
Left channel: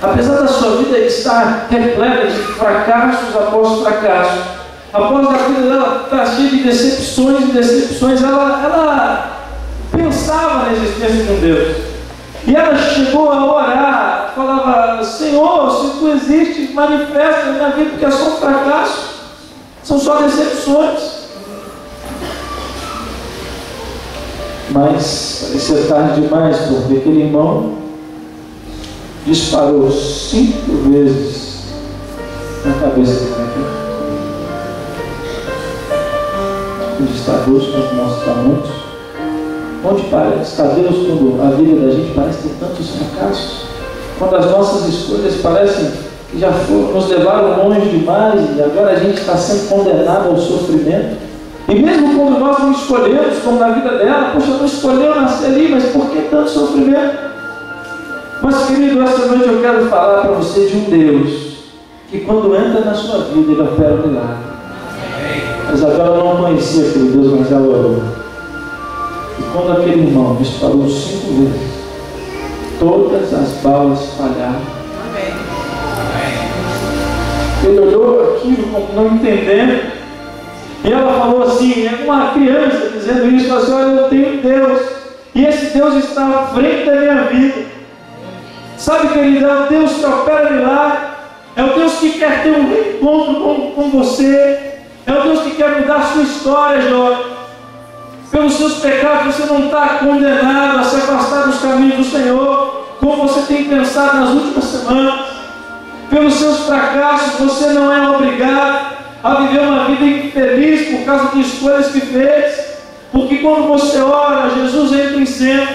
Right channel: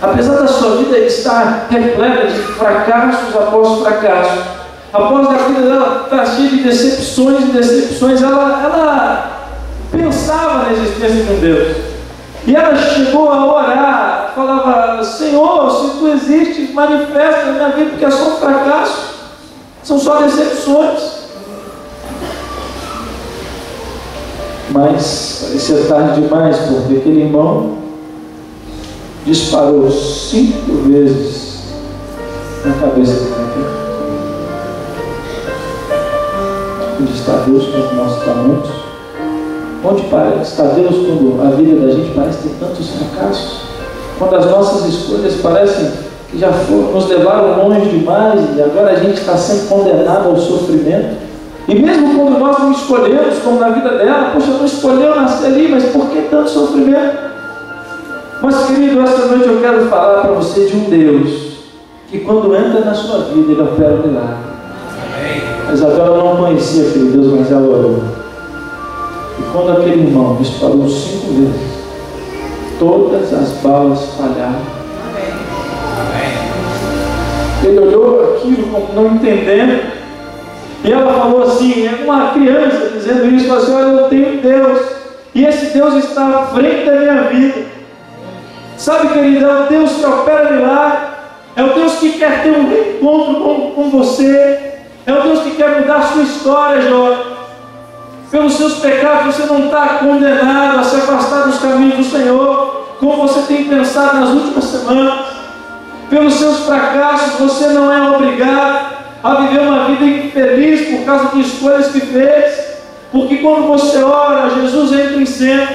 apesar da sua vida estar repleta de fracassos após fracassos, após a vida dela estar cheia de decepções e decepções, ela pensava na existência de um Deus. E ela chegou a orar, falava: Senhor, se Tu existes, manifesta na minha vida, porque é só um fracasso, são só decepções. Mas parecia tarde demais, porque aquele irmão disparou 5 vezes na cabeça do cara. Onde está Deus quando nós estamos? Onde está Deus quando a vida da gente parece ter tantos fracassos? Quando as nossas escolhas parecem que já nos levaram longe demais e agora a gente está sendo condenado ao sofrimento. E mesmo quando nós não escolhemos, como na vida dela, poxa, não escolheu nascer ali, mas por que tanto sofrimento? Mas querido, esta noite eu quero falar para você de um Deus que quando entra na sua vida, Ele opera um milagre. A Isabela não conhecia aquele Deus, mas ela orou. E quando aquele irmão disparou 5 vezes, todas as balas falharam. Ele olhou aquilo como não entendendo. E ela falou assim, é uma criança dizendo isso, falou assim, olha, eu tenho Deus, e esse Deus está à frente da minha vida. Sabe, querido, é o Deus que opera milagre, é o Deus que quer ter um reencontro com você, é o Deus que quer mudar a sua história, Jó. Pelos seus pecados você não está condenado a se afastar dos caminhos do Senhor, como você tem pensado nas últimas semanas. Pelos seus fracassos você não é obrigado a viver uma vida infeliz por causa de escolhas que fez, porque quando você ora, Jesus entra em cena.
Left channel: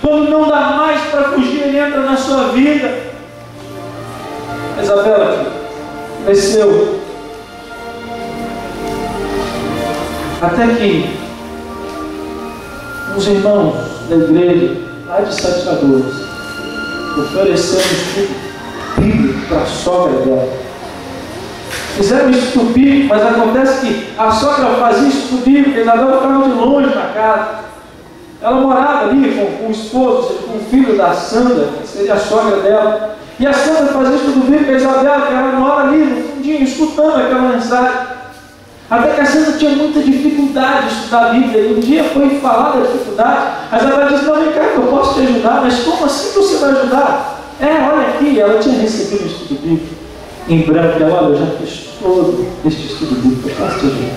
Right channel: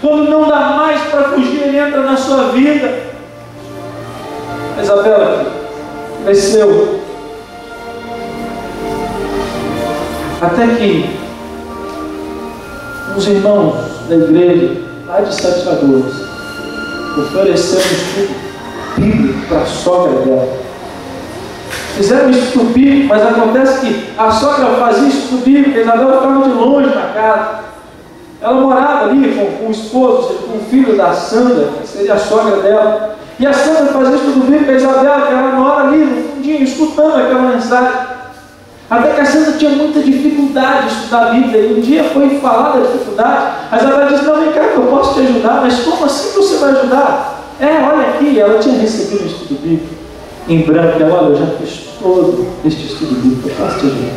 Quando não dá mais para fugir, Ele entra na sua vida. A Isabela cresceu até que uns irmãos da igreja lá de Sete Lagoas ofereceram um estudo bíblico para a sogra dela. Fizeram estudo bíblico, mas acontece que a sogra fazia estudo bíblico, a Isabela ficava de longe na casa. Ela morava ali com o esposo, com o filho da Sandra, que seria a sogra dela. E a Sandra fazia estudo bíblico, a Isabela, que era na hora ali, no fundinho, escutando aquela mensagem. Até que a Sandra tinha muita dificuldade de estudar a Bíblia. E um dia foi falar da dificuldade. A Isabela disse, não, vem cá que eu posso te ajudar. Mas como assim você vai ajudar? Olha aqui, ela tinha recebido um estudo bíblico em branco. Ela, olha, eu já fiz todo este estudo bíblico, eu posso te ajudar.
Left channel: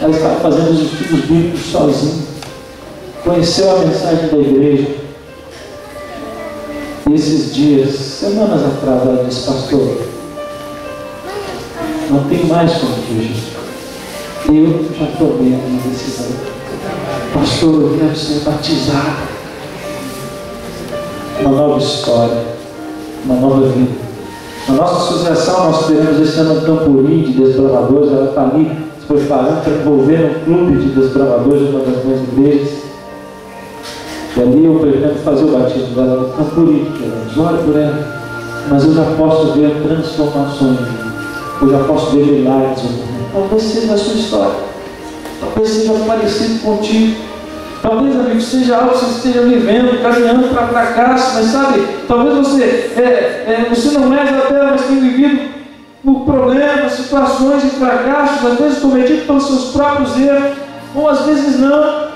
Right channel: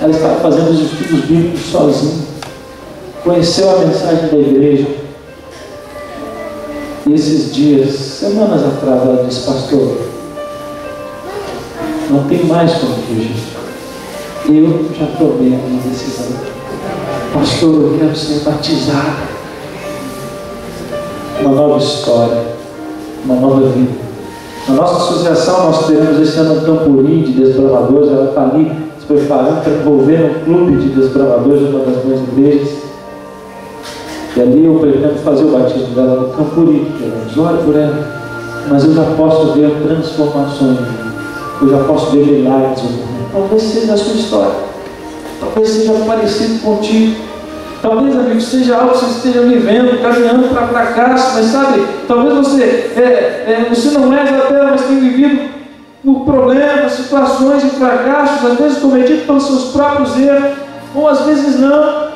Ela estava fazendo os estudos bíblicos sozinha. Conheceu a mensagem da igreja. E esses dias, semanas atrás, ela disse, pastor, não tem mais como fugir. Eu já tomei uma decisão. Pastor, eu quero ser batizado. Uma nova história, uma nova vida. Na nossa associação, nós teremos esse ano um camporim de desbravadores. Ela está ali se preparando para envolver no clube de desbravadores, uma das minhas igrejas. E ali eu pretendo fazer o batismo dela no camporim. Ore por ela. Mas eu já posso ver transformações. Eu já posso ver milagres. Talvez seja a sua história. Talvez seja parecido contigo. Talvez, amigo, seja algo que você esteja vivendo, caminhando para fracasso. Mas sabe, talvez você não é Isabela, mas tem vivido por problemas, situações e fracassos, às vezes cometidos pelos seus próprios erros, ou às vezes não.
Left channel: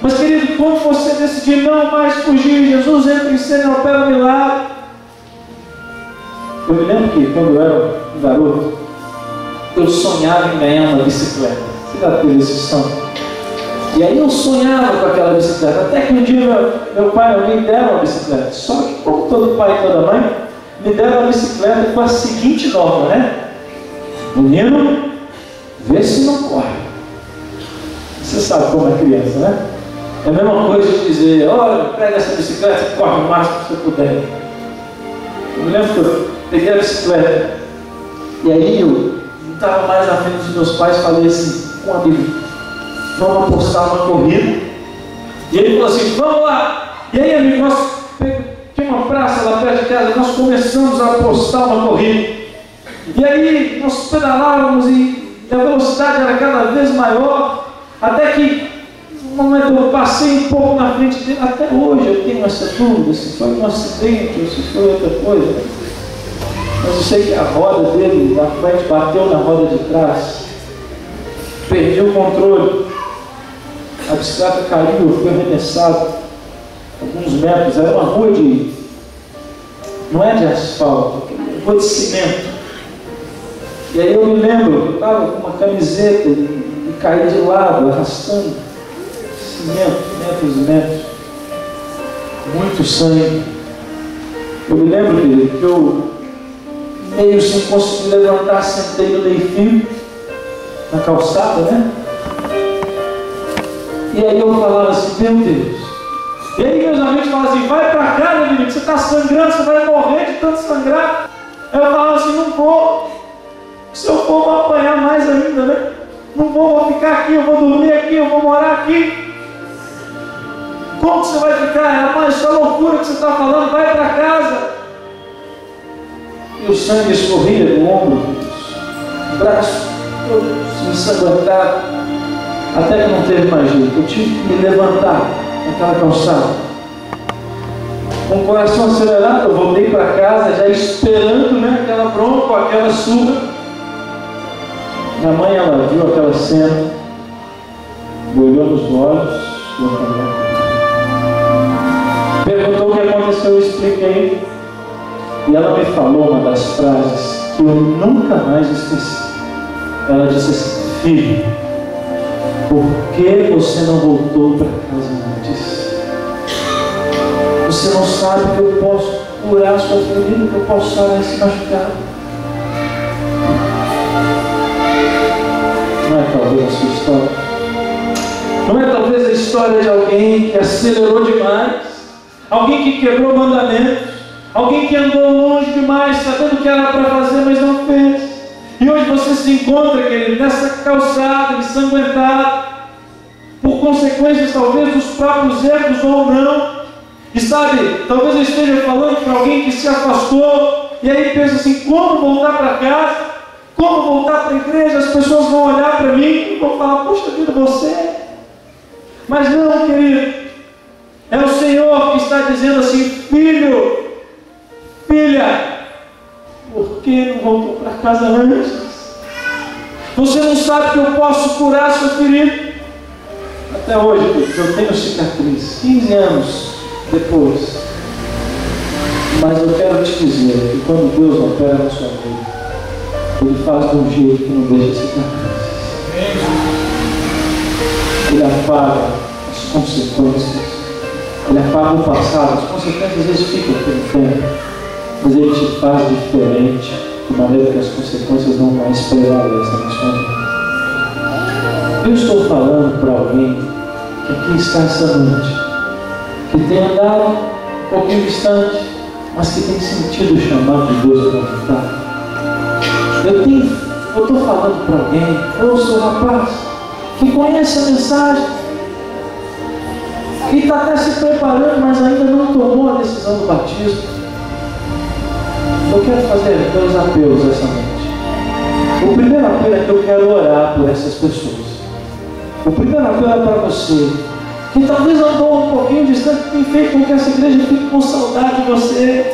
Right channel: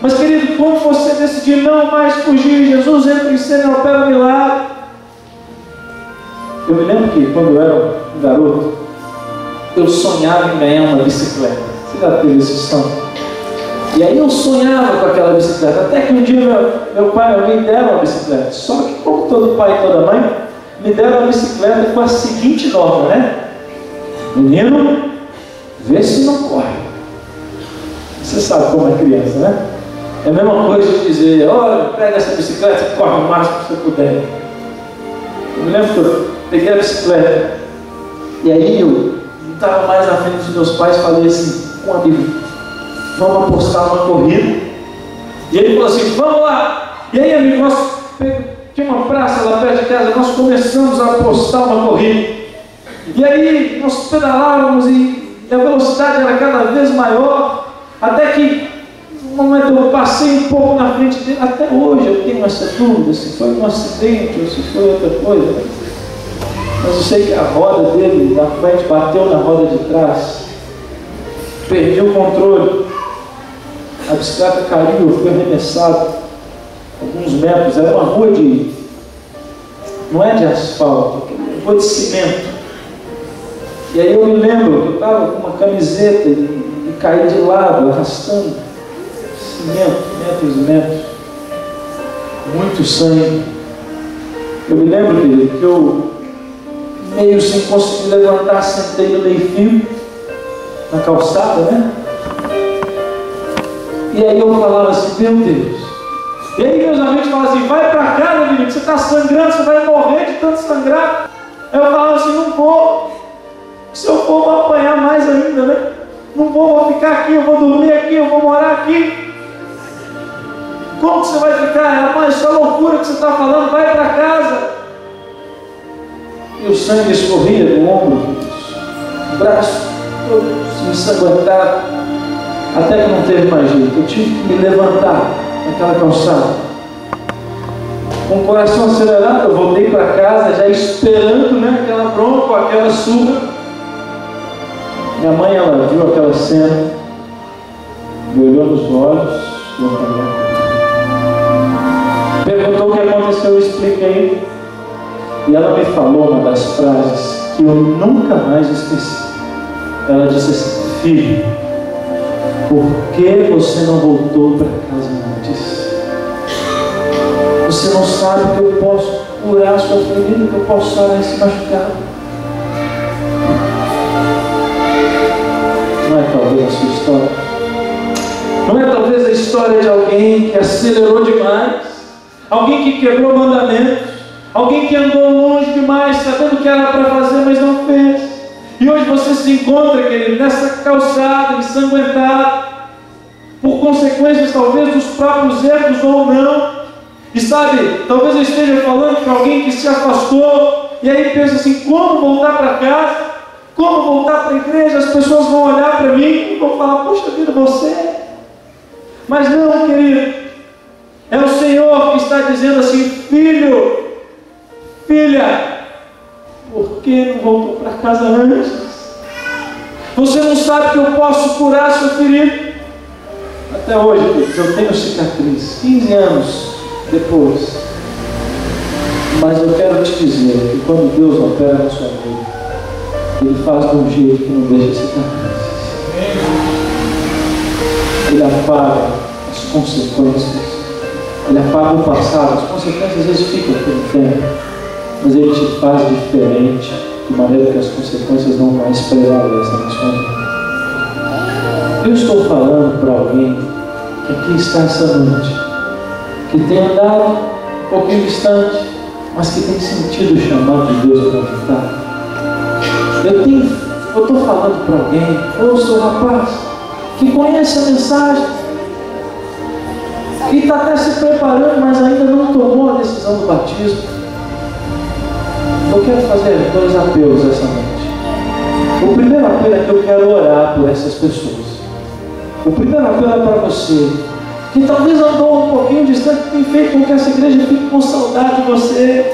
Mas, querido, quando você decidir não mais fugir, Jesus entra em cena e opera um milagre. Eu me lembro que quando eu era um garoto, eu sonhava em ganhar uma bicicleta. Você já teve esse sonho? E aí eu sonhava com aquela bicicleta. Até que um dia meu pai e minha mãe me deram uma bicicleta. Só que, como todo pai e toda mãe, me deram uma bicicleta com a seguinte norma, né? Menino, vê se não corre. Você sabe como é criança, né? É a mesma coisa de dizer, olha, pega essa bicicleta e corre o máximo que você puder. Eu me lembro que eu peguei a bicicleta. E aí eu estava mais à frente dos meus pais, falei assim, com um amigo, vamos apostar uma corrida. E ele falou assim, vamos lá. E aí, amigo, nós tinha uma praça lá perto de casa, nós começamos a apostar uma corrida. E aí nós pedalávamos e a velocidade era cada vez maior, até que no momento eu passei um pouco na frente dele. Até hoje eu tenho essa dúvida se foi um acidente ou se foi outra coisa. Mas eu sei que a roda dele da frente bateu na roda de trás. Perdi o controle. A bicicleta caiu, eu fui arremessado alguns metros. Era uma rua de... não é de asfalto, é uma rua de cimento. E aí eu me lembro que eu estava com uma camiseta e caí de lado, arrastando. metros e metros, muito sangue. Eu me lembro, querido, que eu meio sem conseguir levantar, sentei no meio-fio, na calçada, né? E aí eu falava assim, meu Deus. E aí meus amigos falavam assim, vai para casa, menino, você está sangrando, você vai morrer de tanto sangrar. Aí eu falava assim, não vou. Se eu for, vou apanhar mais ainda, né? Não vou ficar aqui, eu vou dormir aqui, eu vou morar aqui. Como que você vai ficar? Mas isso é loucura que você está falando, vai para casa. E o sangue escorria do ombro, o braço todo ensanguentado, até que não teve mais jeito. Eu tive que me levantar naquela calçada. Com o coração acelerado, eu voltei para casa, já esperando, né, aquela bronca, aquela surra. Minha mãe, ela viu aquela cena, me olhou nos olhos, perguntou o que aconteceu, eu expliquei. E ela me falou uma das frases que eu nunca mais esqueci. Ela disse assim, filho, por que você não voltou para casa antes? Você não sabe que eu posso curar a sua ferida, que eu posso sarar esse machucado. Não é talvez a sua história? Não é talvez a história de alguém que acelerou demais? Alguém que quebrou mandamentos? Alguém que andou longe demais, sabendo o que era para fazer, mas não fez? E hoje você se encontra, querido, nessa calçada, ensanguentado, por consequências talvez dos próprios erros ou não. E sabe, talvez eu esteja falando para alguém que se afastou, e aí pensa assim, como voltar para casa? Como voltar para a igreja? As pessoas vão olhar para mim e vão falar, poxa vida, você. Mas não, querido, é o Senhor que está dizendo assim, filho, filha, por que não voltou para casa antes? Você não sabe que eu posso curar a sua ferida? Até hoje, eu tenho cicatriz, 15 anos depois. Mas eu quero te dizer que quando Deus opera na sua vida, Ele faz de um jeito que não deixa cicatrizes. Ele apaga as consequências. Ele apaga o passado. As consequências às vezes ficam pelo tempo, mas Ele te faz diferente, de maneira que as consequências não mais prevalecem na sua vida. Eu estou falando para alguém que aqui está essa noite, que tem andado um pouquinho distante, mas que tem sentido o chamado de Deus para voltar. Eu estou falando para alguém, eu sou um rapaz que conhece a mensagem, que está até se preparando, mas ainda não tomou a decisão do batismo. Eu quero fazer 2 apelos essa noite. O primeiro apelo é que eu quero orar por essas pessoas. O primeiro apelo é para você, que talvez andou um pouquinho distante, que tem feito com que essa igreja fique com saudade de você.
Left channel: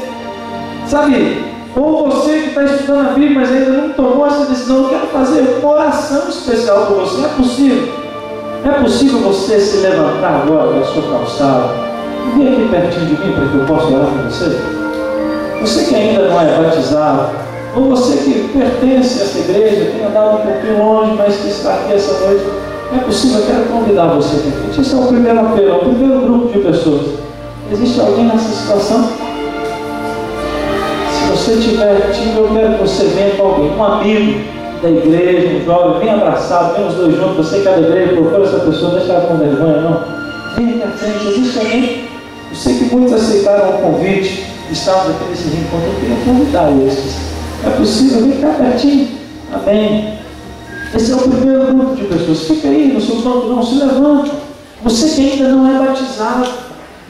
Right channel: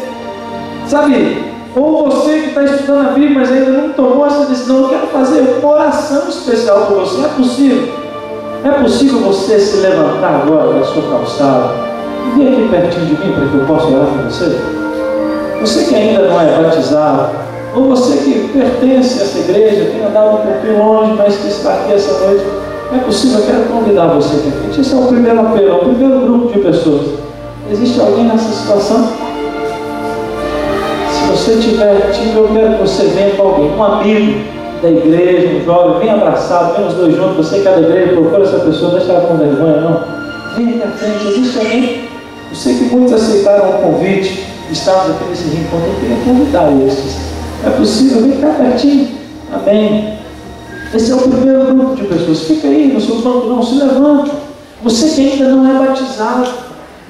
Sabe, ou você que está estudando a Bíblia, mas ainda não tomou essa decisão, eu quero fazer uma oração especial por você. É possível? É possível você se levantar agora da sua calçada e vir aqui pertinho de mim para que eu possa orar por você? Você que ainda não é batizado, ou você que pertence a essa igreja, tem andado um pouquinho longe, mas que está aqui essa noite, é possível, eu quero convidar você aqui à frente. Esse é o primeiro apelo, é o primeiro grupo de pessoas. Existe alguém nessa situação? Se você tiver tímido, eu quero que você venha com alguém, um amigo da igreja, um jovem, bem abraçado, vem os dois juntos. Você que é da igreja, procura essa pessoa, não deixa ela com vergonha, não. Vem aqui à frente. Existe alguém? Eu sei que muitos aceitaram o convite, estavam aqui nesse reencontro, eu queria convidar esses. É possível? Vem cá pertinho. Amém. Esse é o primeiro grupo de pessoas. Fica aí no seu banco, não, se levanta. Você que ainda não é batizado,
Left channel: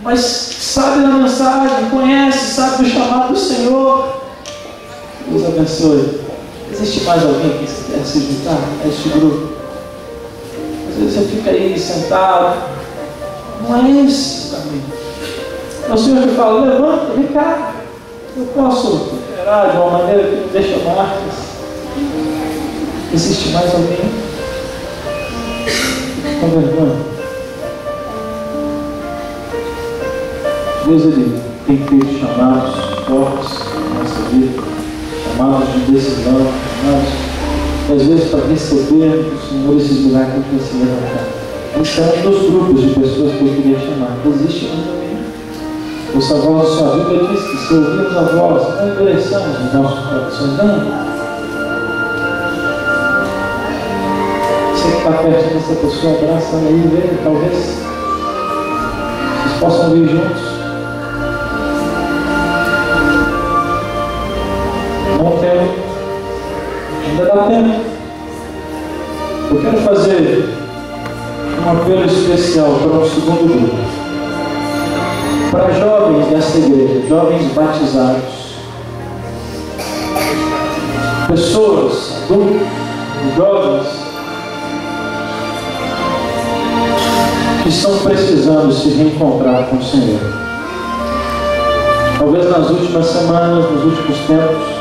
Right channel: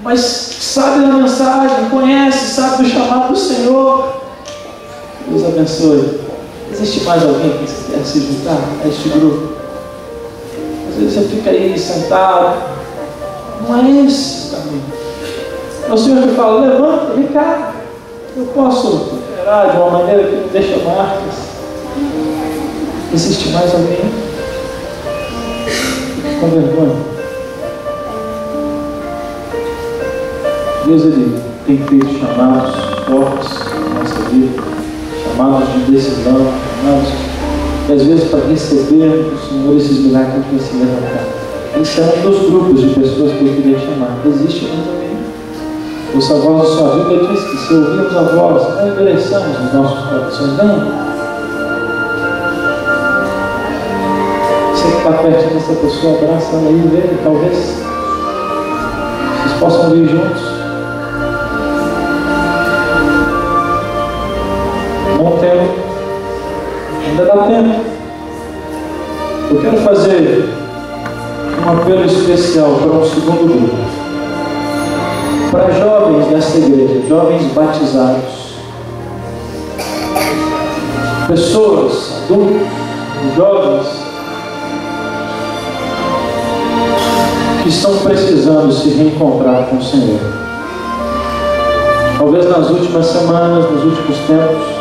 mas sabe da mensagem, conhece, sabe do chamado do Senhor. Deus abençoe. Existe mais alguém que quer se juntar a este grupo? Às vezes você fica aí sentado. Não é esse o caminho. É o Senhor que fala, levanta, vem cá. Eu posso operar de uma maneira que não deixa marcas. Existe mais alguém? Com vergonha. Deus, Ele tem feito chamados fortes na nossa vida, chamados de decisão, chamados que às vezes para receber do Senhor esses milagres que tem se levantar. Esse é um dos grupos de pessoas que eu queria chamar. Existe um também. Os avós da sua vida diz que se ouvirmos a voz, não endureçamos os nossos corações. Não. Você que está perto dessa pessoa, abraça ela aí e vê, talvez vocês possam vir juntos. Não quero, ainda dá tempo. Eu quero fazer um apelo especial para um segundo grupo, para jovens dessa igreja, jovens batizados, pessoas adultas, jovens que estão precisando se reencontrar com o Senhor. Talvez nas últimas semanas, nos últimos tempos,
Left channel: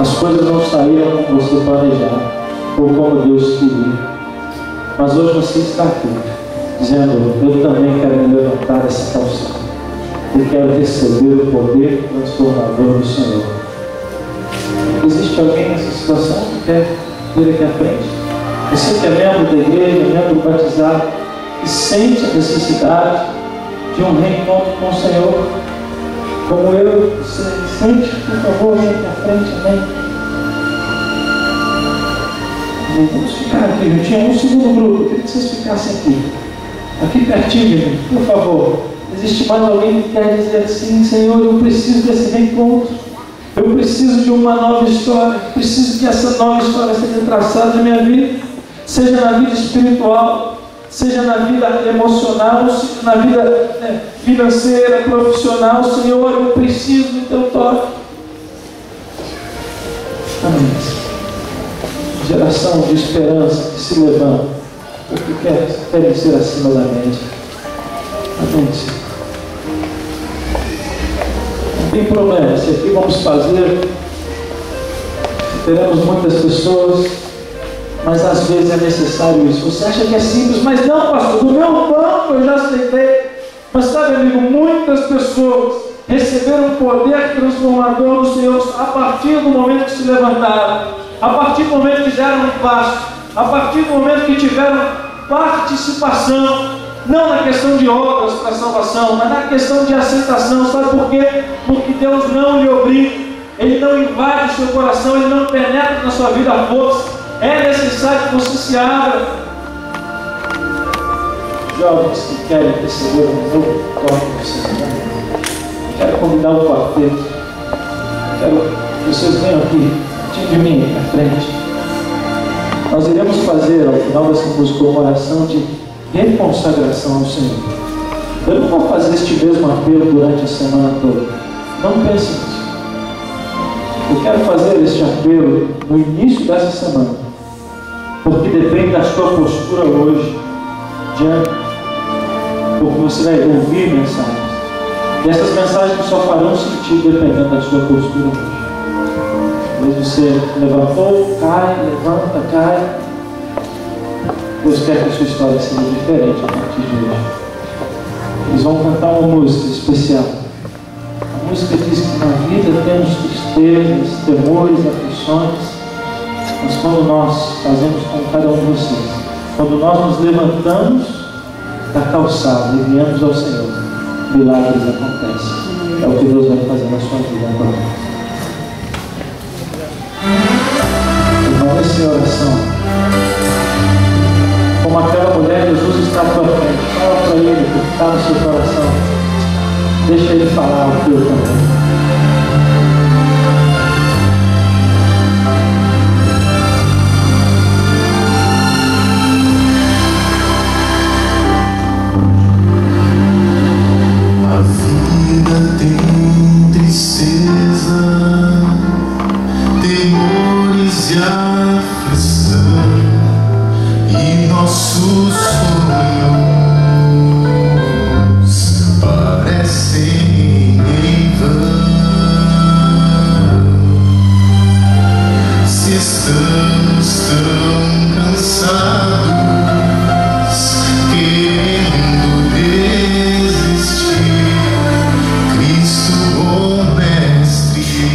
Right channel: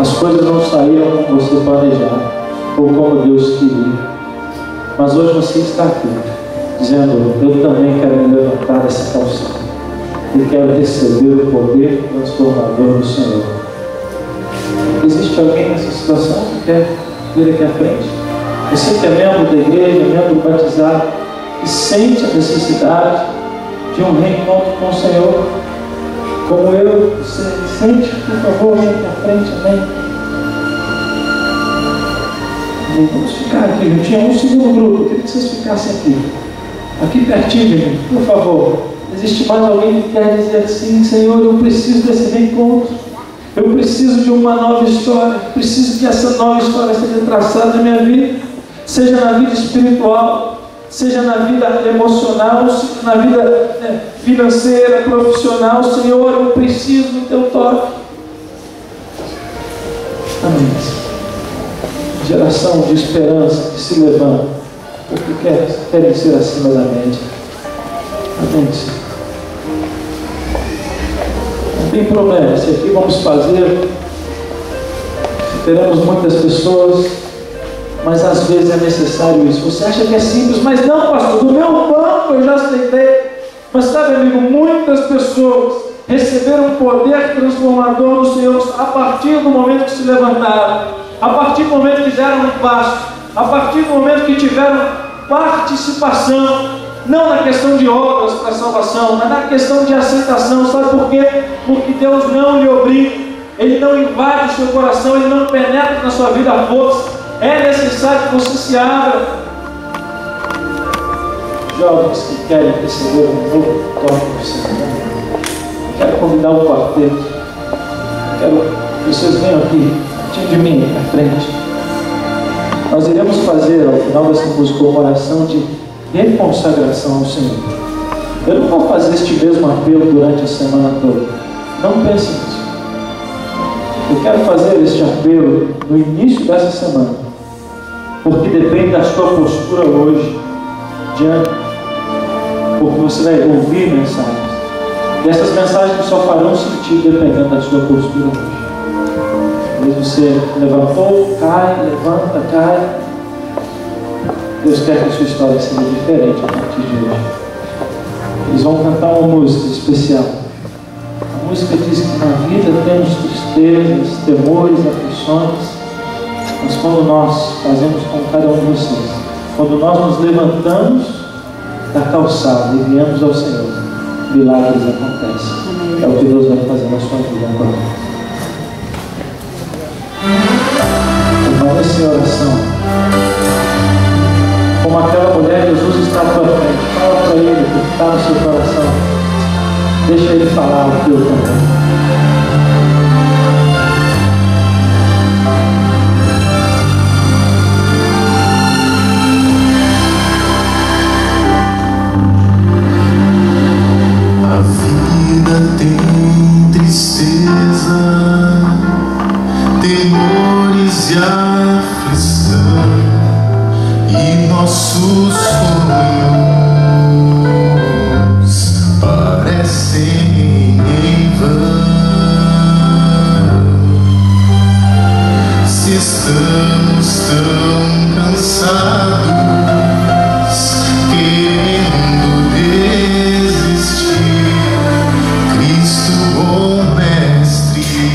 as coisas não saíram como você planejava, ou como Deus queria. Mas hoje você está aqui, dizendo: eu também quero me levantar dessa calçada e quero receber o poder transformador do Senhor. Existe alguém nessa situação que quer vir aqui à frente? Você que é membro da igreja, membro batizado, e sente a necessidade de um reencontro com o Senhor, como eu, você sente, por favor, vem aqui à frente, amém? Vamos ficar aqui juntinho, um segundo grupo. Eu queria que vocês ficassem aqui pertinho de mim, por favor. Existe mais alguém que quer dizer assim: Senhor, eu preciso desse reencontro, eu preciso de uma nova história, preciso que essa nova história seja traçada na minha vida, seja na vida espiritual, seja na vida emocional, seja na vida financeira, profissional. Senhor, eu preciso do teu toque. Amém. Geração de esperança que se levanta porque querem ser acima da média. Amém. Não tem problema, se aqui vamos fazer, teremos muitas pessoas, mas às vezes é necessário isso. Você acha que é simples, mas não, pastor, do meu banco eu já aceitei. Mas sabe, amigo, muitas pessoas receberam o poder transformador do Senhor a partir do momento que se levantaram, a partir do momento que deram um passo, a partir do momento que tiveram participação, não na questão de obras para salvação, mas na questão de aceitação. Sabe por quê? Porque Deus não lhe obriga, Ele não invade o seu coração, Ele não penetra na sua vida à força. É necessário que você se abra. Jovens que querem receber um novo toque do Senhor, quero convidar o quarteto, quero que vocês venham aqui de mim à frente. Nós iremos fazer ao final dessa música uma oração de reconsagração ao Senhor. Eu não vou fazer este mesmo apelo durante a semana toda, não pense nisso. Eu quero fazer este apelo no início dessa semana, porque depende da sua postura hoje diante, porque você vai ouvir mensagens, e essas mensagens só farão sentido dependendo da sua postura hoje. Talvez você levantou, cai, levanta, cai. Deus quer que a sua história seja diferente a partir de hoje. Eles vão cantar uma música especial. A música diz que na vida temos tristezas, temores, aflições, mas quando nós fazemos como cada um de vocês, quando nós nos levantamos da calçada e viemos ao Senhor, milagres acontecem. É o que Deus vai fazer na sua vida agora. Vamos nessa oração. Como aquela mulher, Jesus está à tua frente. Fala para Ele o que está no seu coração. Deixa Ele falar o teu também. A vida tem tristeza, temores e aflição, e nossos sonhos parecem em vão. Se estamos tão cansados, querendo desistir, Cristo, bom mestre,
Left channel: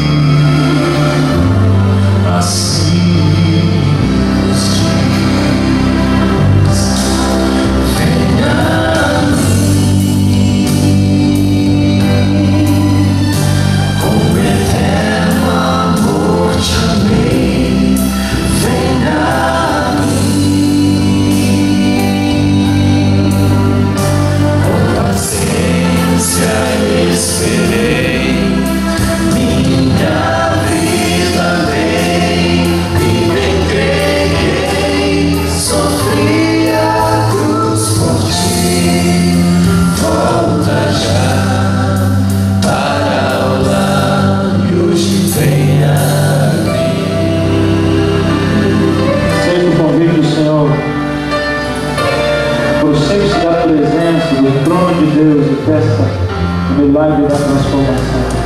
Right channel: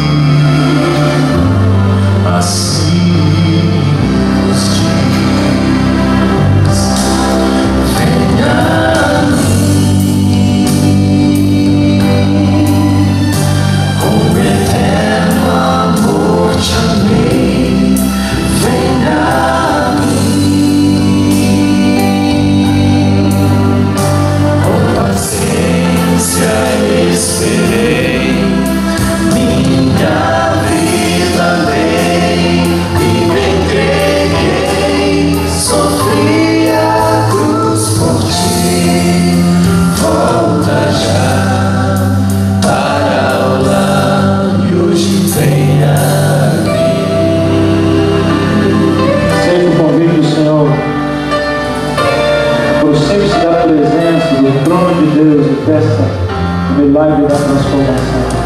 assim nos diz: peça o milagre da transformação.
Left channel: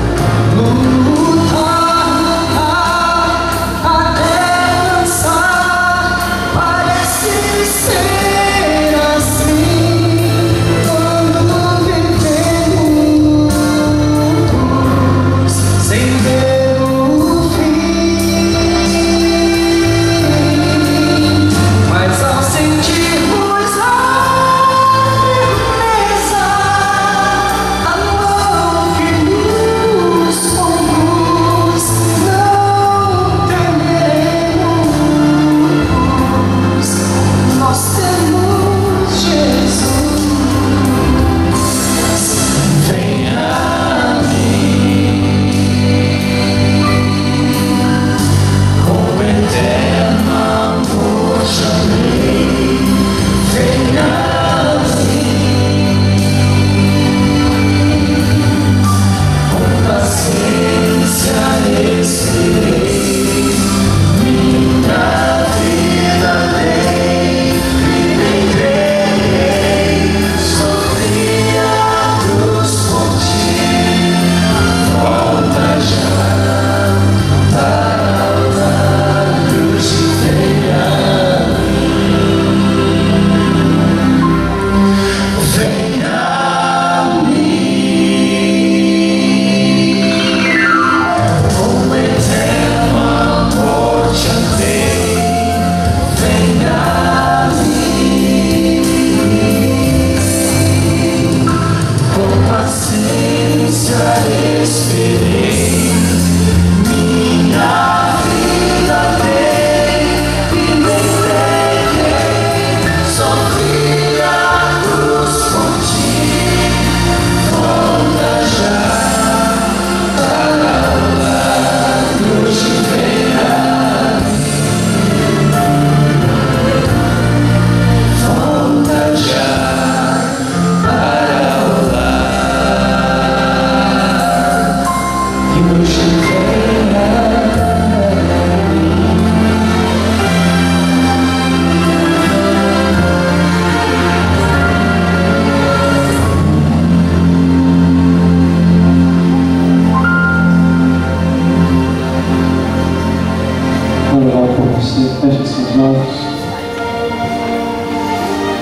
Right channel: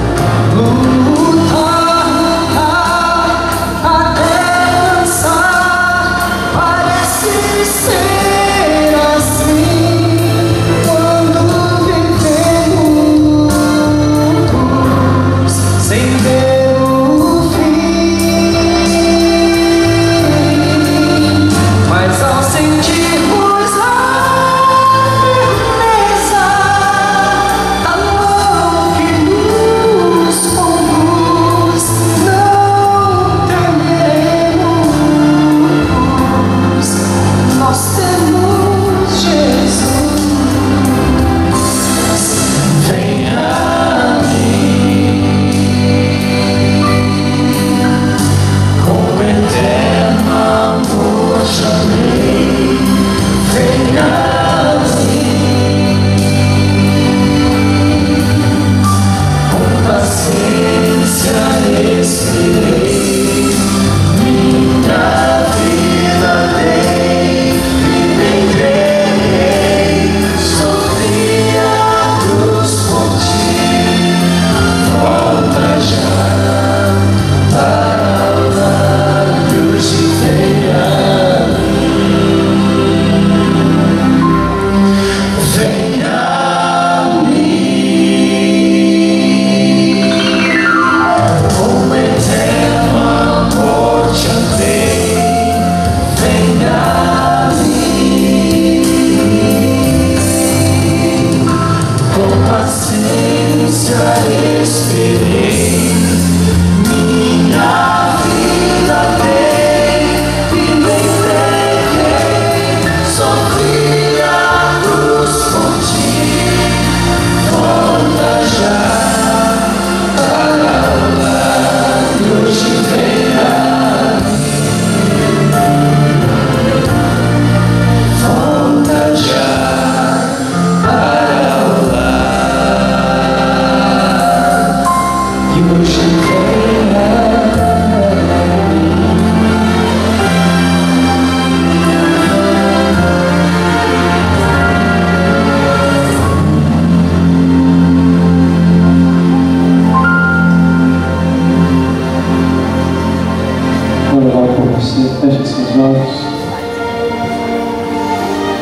Feche seus olhos.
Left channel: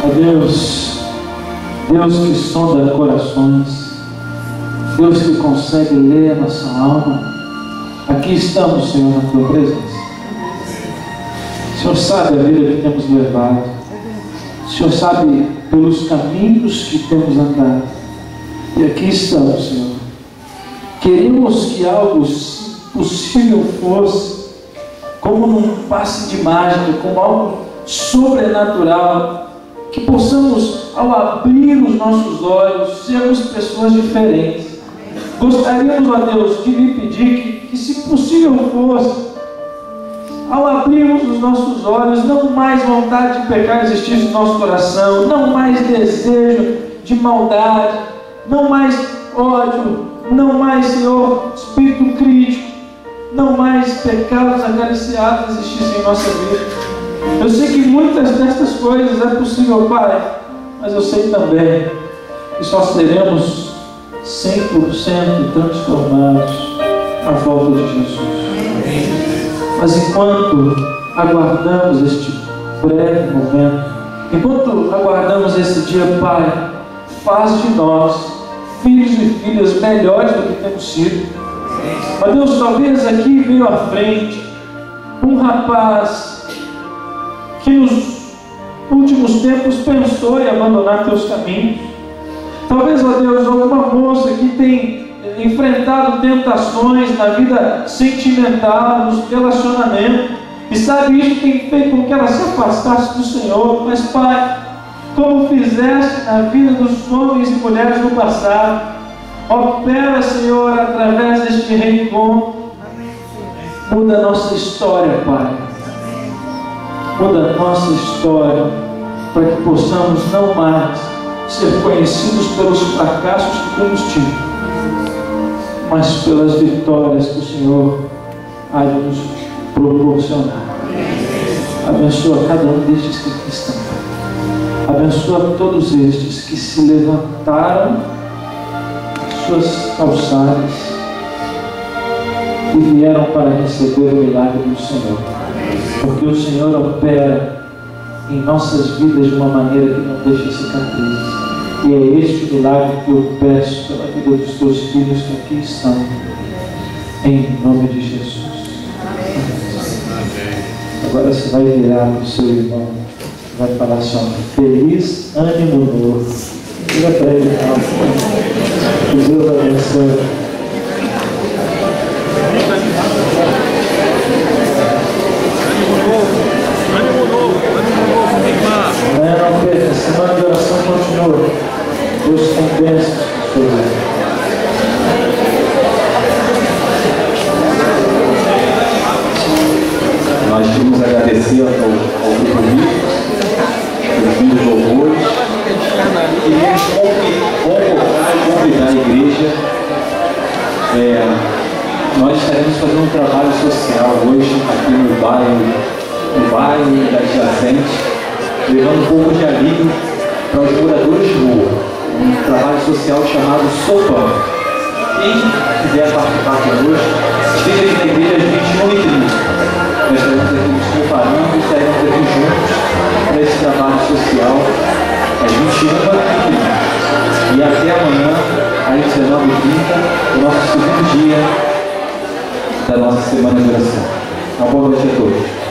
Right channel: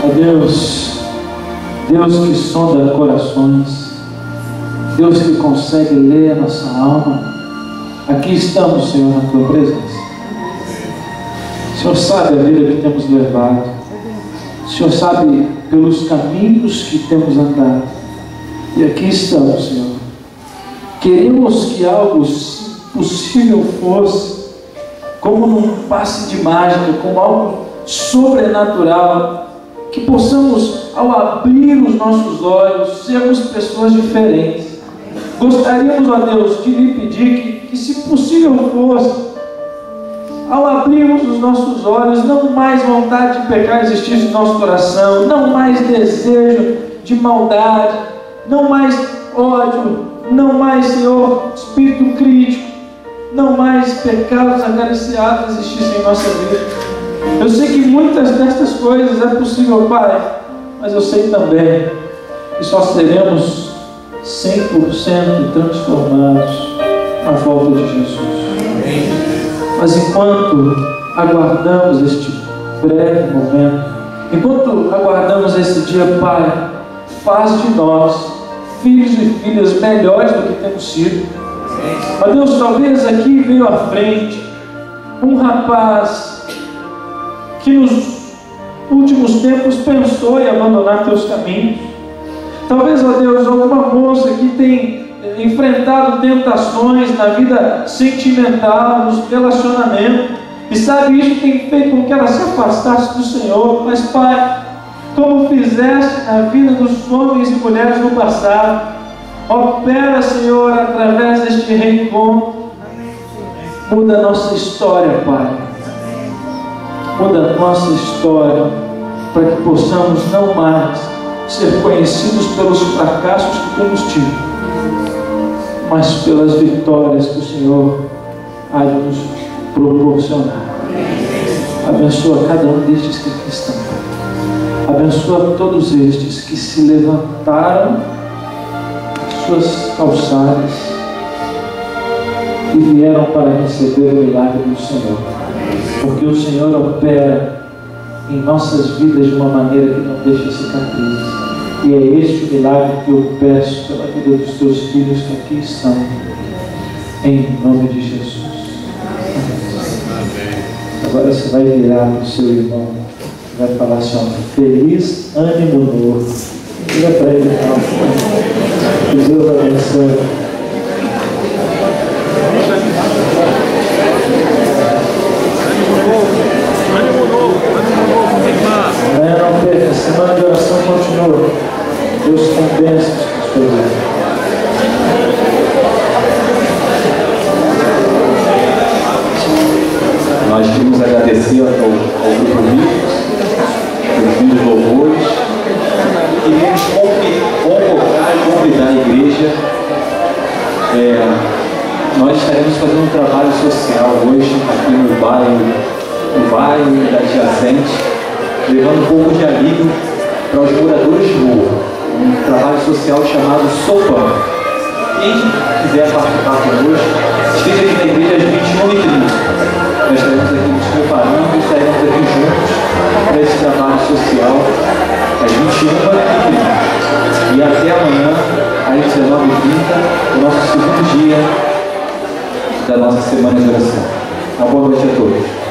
Ó Deus, Deus que sonda corações, Deus que consegue ler a nossa alma, aqui estamos, Senhor, na Tua presença. O Senhor sabe a vida que temos levado, o Senhor sabe pelos caminhos que temos andado, e aqui estamos, Senhor. Queremos que algo possível fosse, como num passe de mágica, como algo sobrenatural, que possamos, ao abrir os nossos olhos, sermos pessoas diferentes. Gostaríamos, ó Deus, de lhe pedir que se possível fosse, ao abrirmos os nossos olhos, não mais vontade de pecar existisse no nosso coração, não mais desejo de maldade, não mais ódio, não mais, Senhor, espírito crítico, não mais pecados acariciados existissem em nossa vida. Eu sei que muitas destas coisas é possível, Pai, mas eu sei também que só seremos 100% transformados na volta de Jesus. Mas enquanto aguardamos este breve momento, enquanto aguardamos esse dia, Pai, faz de nós filhos e filhas melhores do que temos sido. Ó Deus, talvez aqui veio à frente um rapaz que nos últimos tempos pensou em abandonar teus caminhos. Talvez, ó Deus, alguma moça que tem enfrentado tentações na vida sentimental, nos relacionamentos, e sabe, isso tem feito com que ela se afastasse do Senhor. Mas, Pai, como fizeste na vida dos homens e mulheres no passado, opera, Senhor, através deste reencontro. Muda a nossa história, Pai. Muda a nossa história, para que possamos não mais ser conhecidos pelos fracassos que temos tido, mas pelas vitórias que o Senhor há de nos proporcionar. Abençoa cada um destes que aqui estão. Abençoa todos estes que se levantaram suas calçadas e vieram para receber o milagre do Senhor. Porque o Senhor opera em nossas vidas de uma maneira que não deixa cicatrizes. E é este o milagre que eu peço pela vida dos teus filhos que aqui estão. Em nome de Jesus. Agora você vai virar para o seu irmão, vai falar assim, ó, feliz ânimo novo. Diga para ele, que Deus abençoe. Ânimo novo. Amanhã não perca, a semana de oração continua. Deus tem bênçãos para sua vida. Nós queremos agradecer ao grupo Rico, os vídeos louvores. Queremos convocar e convidar a igreja. Nós estaremos fazendo um trabalho social hoje aqui no bairro da adjacente, levando um pouco de alívio para os moradores de rua. Um trabalho social chamado Sopão. Quem quiser participar conosco, esteja aqui na igreja às 21h30. Nós estaremos aqui nos preparando e estaremos aqui juntos para esse trabalho social às 21h30. E até amanhã, às 19h30, o nosso segundo dia da nossa semana de oração. Uma boa noite a todos.